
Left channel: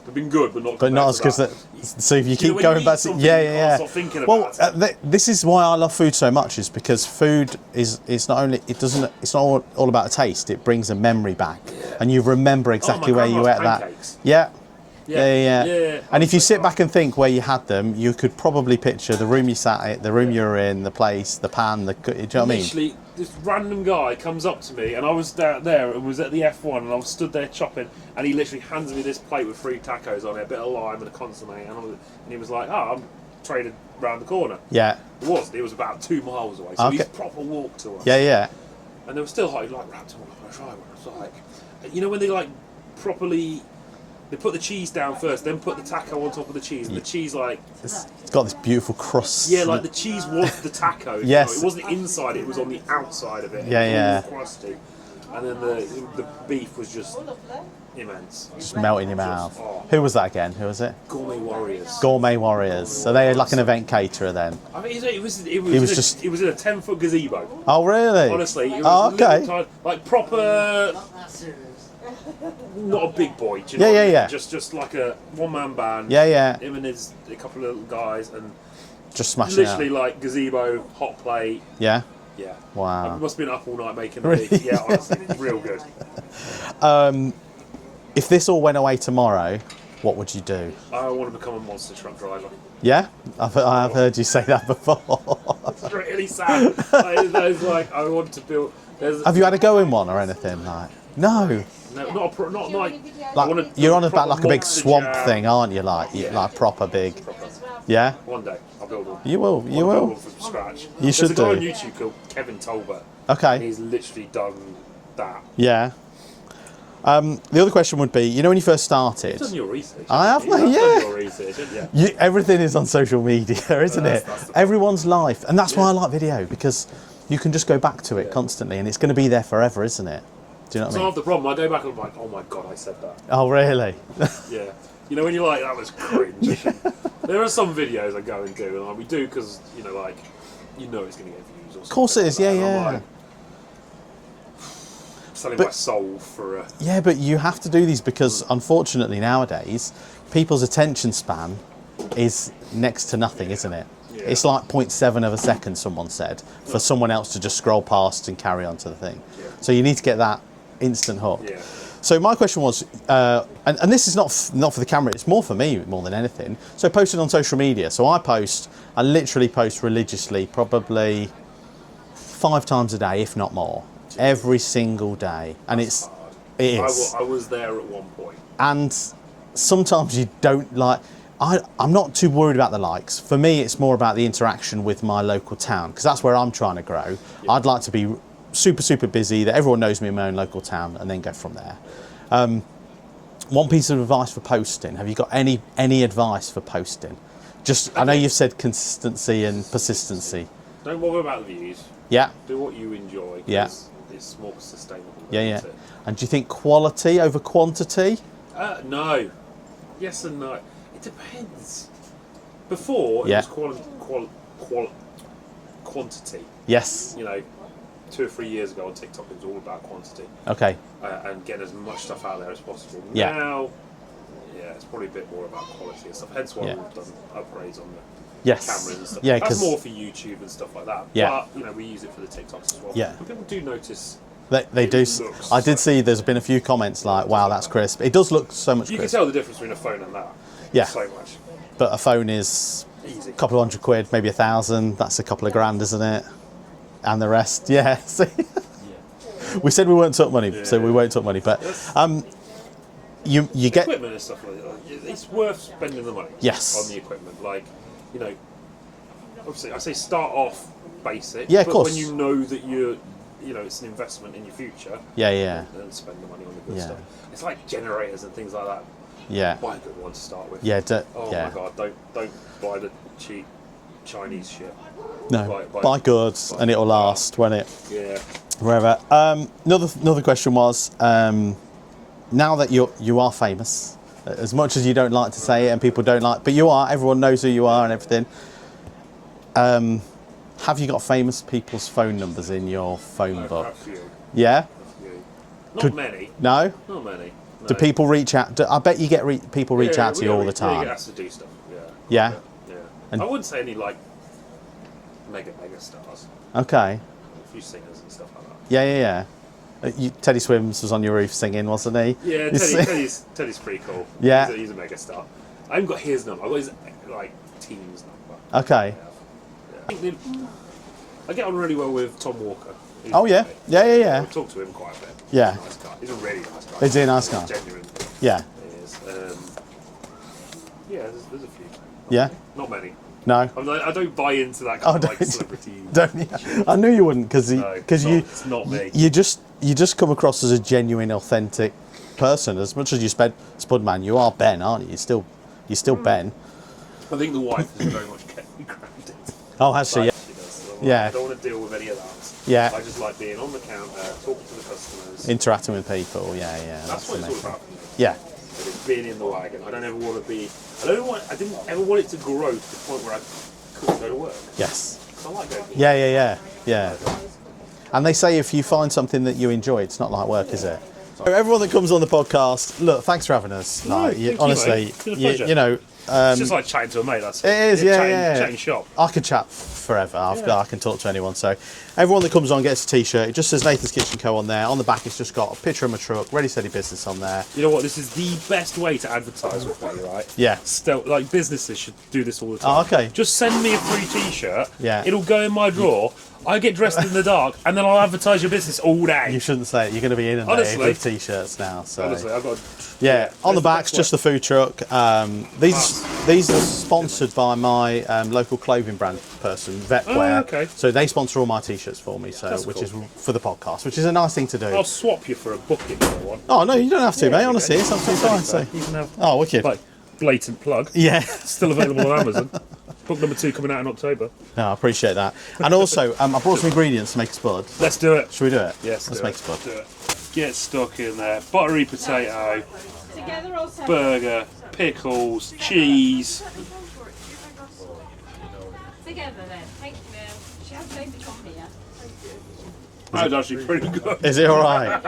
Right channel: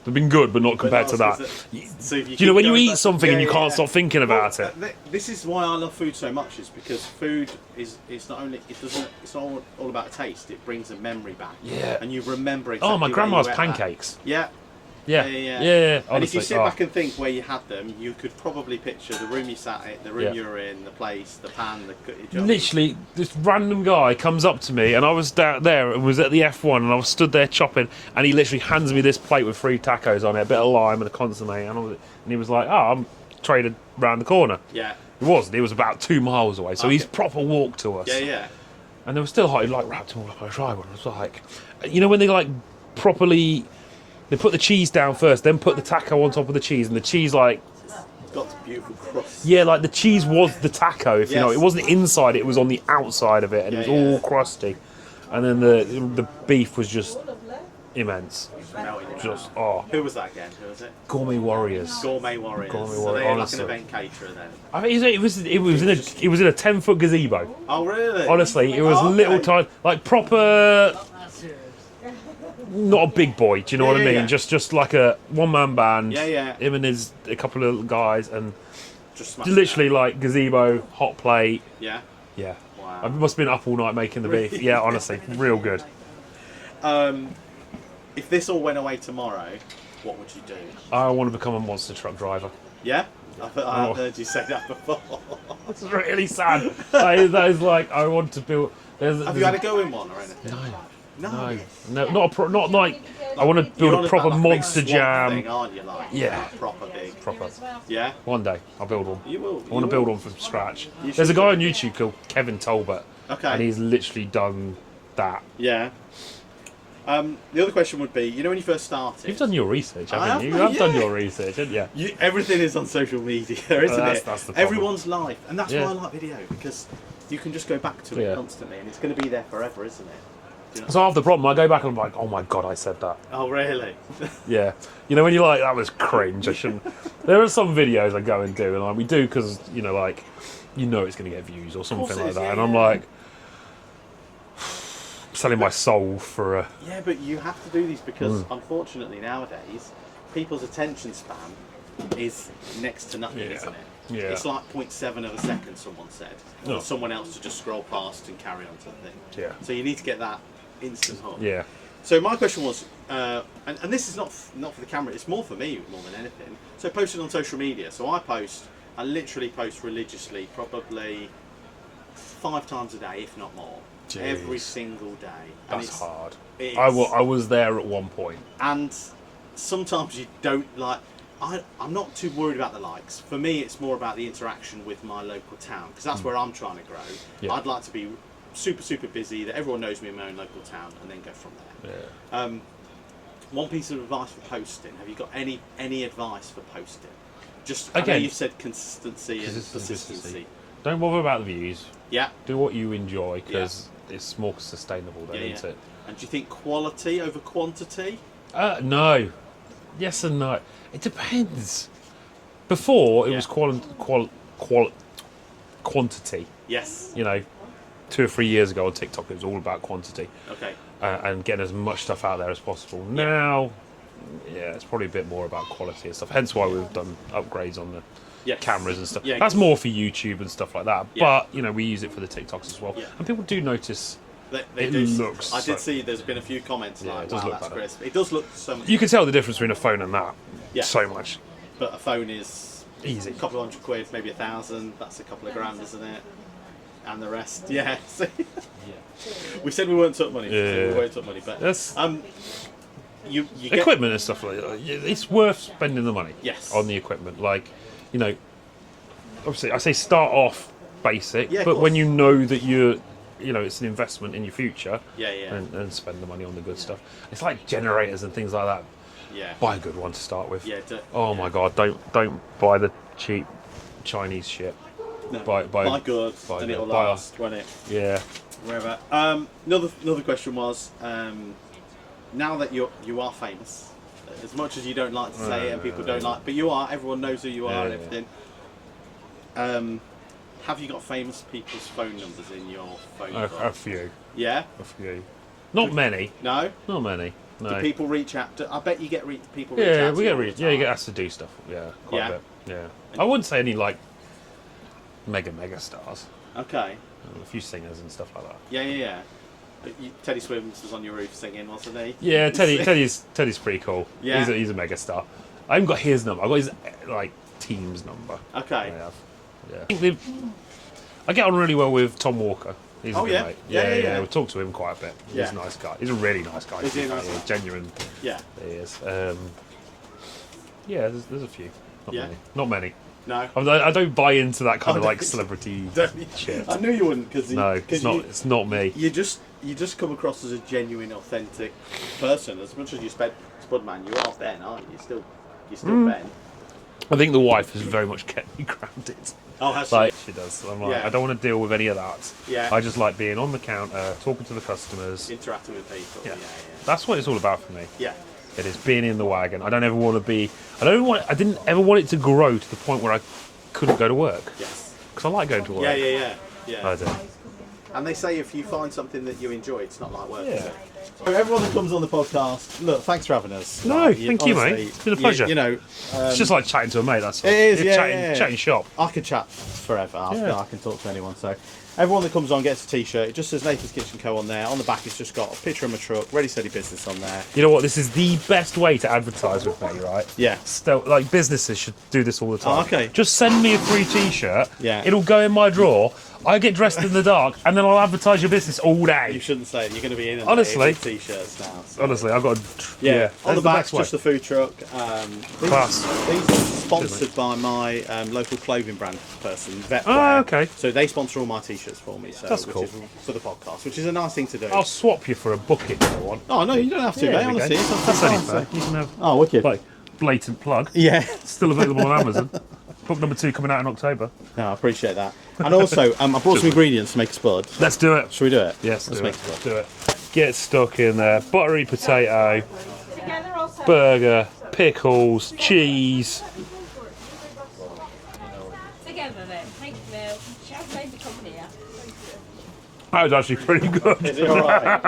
they've been good, but not But compared not to as that. good as so if you Do you know keep when you going eat back to- something and you can't stop thinking about it? This is why I love food so much, is because food is not only it's not all about a taste. It brings a memory back, Yeah. and you remember exactly where you grandma's ate that. pancakes. Yeah. Yeah. And if you honestly, sit back and think where you had them, you could probably picture the room you sat at, the room you were in, the place, the pan, do you know what I mean? literally, this random guy comes up to me, and I was there and was at the F1, and I was stood there chopping, and he literally hands me this plate with 3 tacos on it, a bit of lime and a consomme, and he was like, I'm traded round the corner. Yeah. It wasn't. It was about 2 miles away, so Okay. he's proper walked to us. Yeah. And they were still hot. He like wrapped them all up on a dry one. I was like, you know when they like properly, they put the cheese down first, then put the taco on top of the cheese, and the cheese like, It's got this beautiful crust. yeah, like the cheese was the taco. If Yes. you know, it wasn't inside; it was on the outside of it, and it was all crusty. And then the beef was just immense. Just melt in your Just- mouth. oh. Who was that again? Who was it? Gourmet Warriors. Gourmet Warriors. Gourmet So they're like an honestly. event caterer then. I mean, it was just- in a 10-foot gazebo. Oh really? Honestly, it was Oh, okay. little tiny, like proper. Not a big boy, do you know Yeah, what I yeah, mean? yeah. Just like a one-man band. Yeah. Him and a couple of little guys, and Just smashing literally it. like gazebo, hot plate. Yeah. Yeah. Wow. I must have been up all night making the beef. Yeah, honestly, real good. If this all went away tomorrow, what would you do? I want to become a monster truck driver. Yeah, I've heard you say that before. It's really sad. That is like I want to build. Have you had a go in one or anything? Like, no. No, not like. I want to You're build on a about proper like a big monster swamp jam. thing, aren't you? Like, Yeah. like proper big. Proper. Yeah. One day I'll build one. You will. I You want to build will. one from scratch. You There's should a guy do. on YouTube called Kevin Tolbert. Okay. And he's literally done that. Yeah. The other question would be, you know, when you first started, You've done your research. I haven't have, you? mate, You've done yeah. your research, haven't you? everything is on social media, isn't That's it? the problem. Everyone's life, and that's why Yeah. I like video, because you can just go back to it Yeah. constantly, and it's going to be there forever, isn't it? Do you know what So I I mean? have the problem. I go back and I'm like, oh my god, I said that. Oh, really? Yeah. You know when you're like, that was cringe. I shouldn't. There are some videos I go and do, and like we do because you know, like, you know, it's going to get views or something. course it like is, that. yeah, And I'm yeah. like, selling my soul for a. Yeah, but you have to do these because, unfortunately, nowadays, people's attention span is next to nothing, Yeah. isn't it? Yeah. It's like 0.7 of a second, someone said, for someone else to just scroll past and carry on to the thing. Yeah. So you need to get that instant hook. Yeah. So my question was, and this is not for the camera, it's more for me more than anything. So posted on social media. So I literally post religiously, probably 5 times a day, if not more, every single day. And That's it's hard. it is. I was there at one point. And sometimes you don't like. I'm not too worried about the likes. For me, it's more about the interaction with my local town, because that's where I'm trying to grow. Yeah. I'd like to be super busy, that everyone knows me in my own local town, and then go from there. One piece of advice for posting. Have you got any advice for posting? Just I know Okay. you've said consistency and persistency. Don't bother about the views. Yeah, Do what you enjoy because it's more sustainable. Then, yeah. isn't it? And do you think quality over quantity? No. Yes and no. It depends. Before it Yeah. was quantity. Yes. You know, 2 or 3 years ago on TikTok, it was all about quantity Okay. and getting as much stuff out there as possible. Yeah. Now, yeah, it's probably a bit more about quality and stuff. Hence why Yeah. we've done upgrades on the Yes. cameras and stuff. Yeah, That's 'cause more for YouTube and stuff like that. Yeah. But you know, we use it for the TikToks as well. Yeah. And people do notice. They It do. looks I did so- see. There's been a few comments Yeah, it like, does "Wow, look that's like crisp." It does look so much. You can crisp, tell the difference between a phone and that. Yeah. So much. but a phone is Easy. a couple of £100, maybe 1,000. That's a couple of grand, isn't it? And the rest, yeah. See? We said we weren't talking money, so we Yeah. won't talk money. But Yes. you get Equipment and stuff like that. It's worth spending the money. Yes. On the equipment, like, you know, obviously I say start off basic. Yeah, of but course. when you know that you know, it's an investment in your future. Yeah. And spend the money on the good Yeah. stuff. It's like generators and things like that. Yeah. Buy a good one to start with. Yeah. Oh yeah. my god! Don't buy the cheap Chinese shit. No. Buy goods, and it'll last, won't it? Yeah. Wherever. Another question was, now that you are famous, as much as you don't like to say it and people don't like, but you are, everyone knows who you are and everything. Have you got famous people's phone numbers in your phone book? A few. Yeah? A few. Not many. No? Not many. No. Do people reach out? I bet you get people reach out to you all the time. Yeah, you get asked to do stuff. Yeah. Yeah? Yeah. And I wouldn't say any like mega stars. Okay. A few singers and stuff like that. Yeah. Teddy Swims was on your roof singing, wasn't he? Yeah, Teddy's pretty cool. Yeah. He's a mega star. I haven't got his number. I've got his like team's number. Okay. Yeah. I get on really well with Tom Walker. He's Oh, yeah? great. Yeah. We talk to him quite a bit. Yeah. He's a nice guy. He's a really nice guy. Is he a nice guy? Genuine. Yeah. He is. Yeah, there's a few. Not many. No. I don't buy into that kind of like don't- celebrity. Don't you? shit. I knew you wouldn't because It's not me. you just come across as a genuine, authentic person. As much as you Spudman, you are Ben, aren't you? You're still Ben. I think the wife has very much kept me grounded. Oh, has she? Like, she does. I'm like, Yeah. I don't want to deal with any of that. Yeah. I just like being on the counter, talking to the customers. Interacting with people. Yeah. Yeah. That's what it's all about for me. Yeah. It is being in the wagon. I don't ever want to be. I didn't ever want it to grow to the point where I couldn't go to work. Yes. Because I like going to work. Yeah. I do. And they say if you find something that you enjoy, it's not like work, is it? Everyone that comes on the podcast, look, thanks for having us. No, thank you, honestly, mate. It's been a pleasure. You know, It's just like chatting to a mate. That's all. it is, Chatting shop. I can chat forever. I can talk to anyone. So everyone that comes on gets a T-shirt. It just says Nathan's Kitchen Co. on there. On the back, it's just got a picture of my truck, Ready Steady Business on there. You know what? This is the best way to advertise with me, right? Yeah. Still, like businesses should do this all the time. Oh, okay. Just send me a free T-shirt. Yeah. It'll go in my drawer. I get dressed in the dark, and then I'll advertise your business all You day. shouldn't say it. You're going to be in Honestly. with T-shirts now. So. Honestly, I've got. Yeah, on the back's best just way. the food truck. Class. These are sponsored by my local clothing brand person, Vetwear. Oh, okay. So they sponsor all my T-shirts for me, That's which cool. is for the podcast, which is a nice thing to do. I'll swap you for a book if you want. Oh no, you don't have to, Yeah, mate. there we Honestly, go. it's absolutely That's fine. only fair. You can have Oh, wicked. like blatant plug. Yeah. Still available on Amazon. Book number 2 coming out in October. Yeah, I appreciate that. And also, I brought some ingredients to make a spud. Let's do it. Should we do it? Yes, Let's do make it. a spud. Do it. Get stuck in there. Buttery potato, Together or separate? burger, pickles, cheese. Together then. Thank you. Champagne to come here. That was actually pretty good. Is it all right?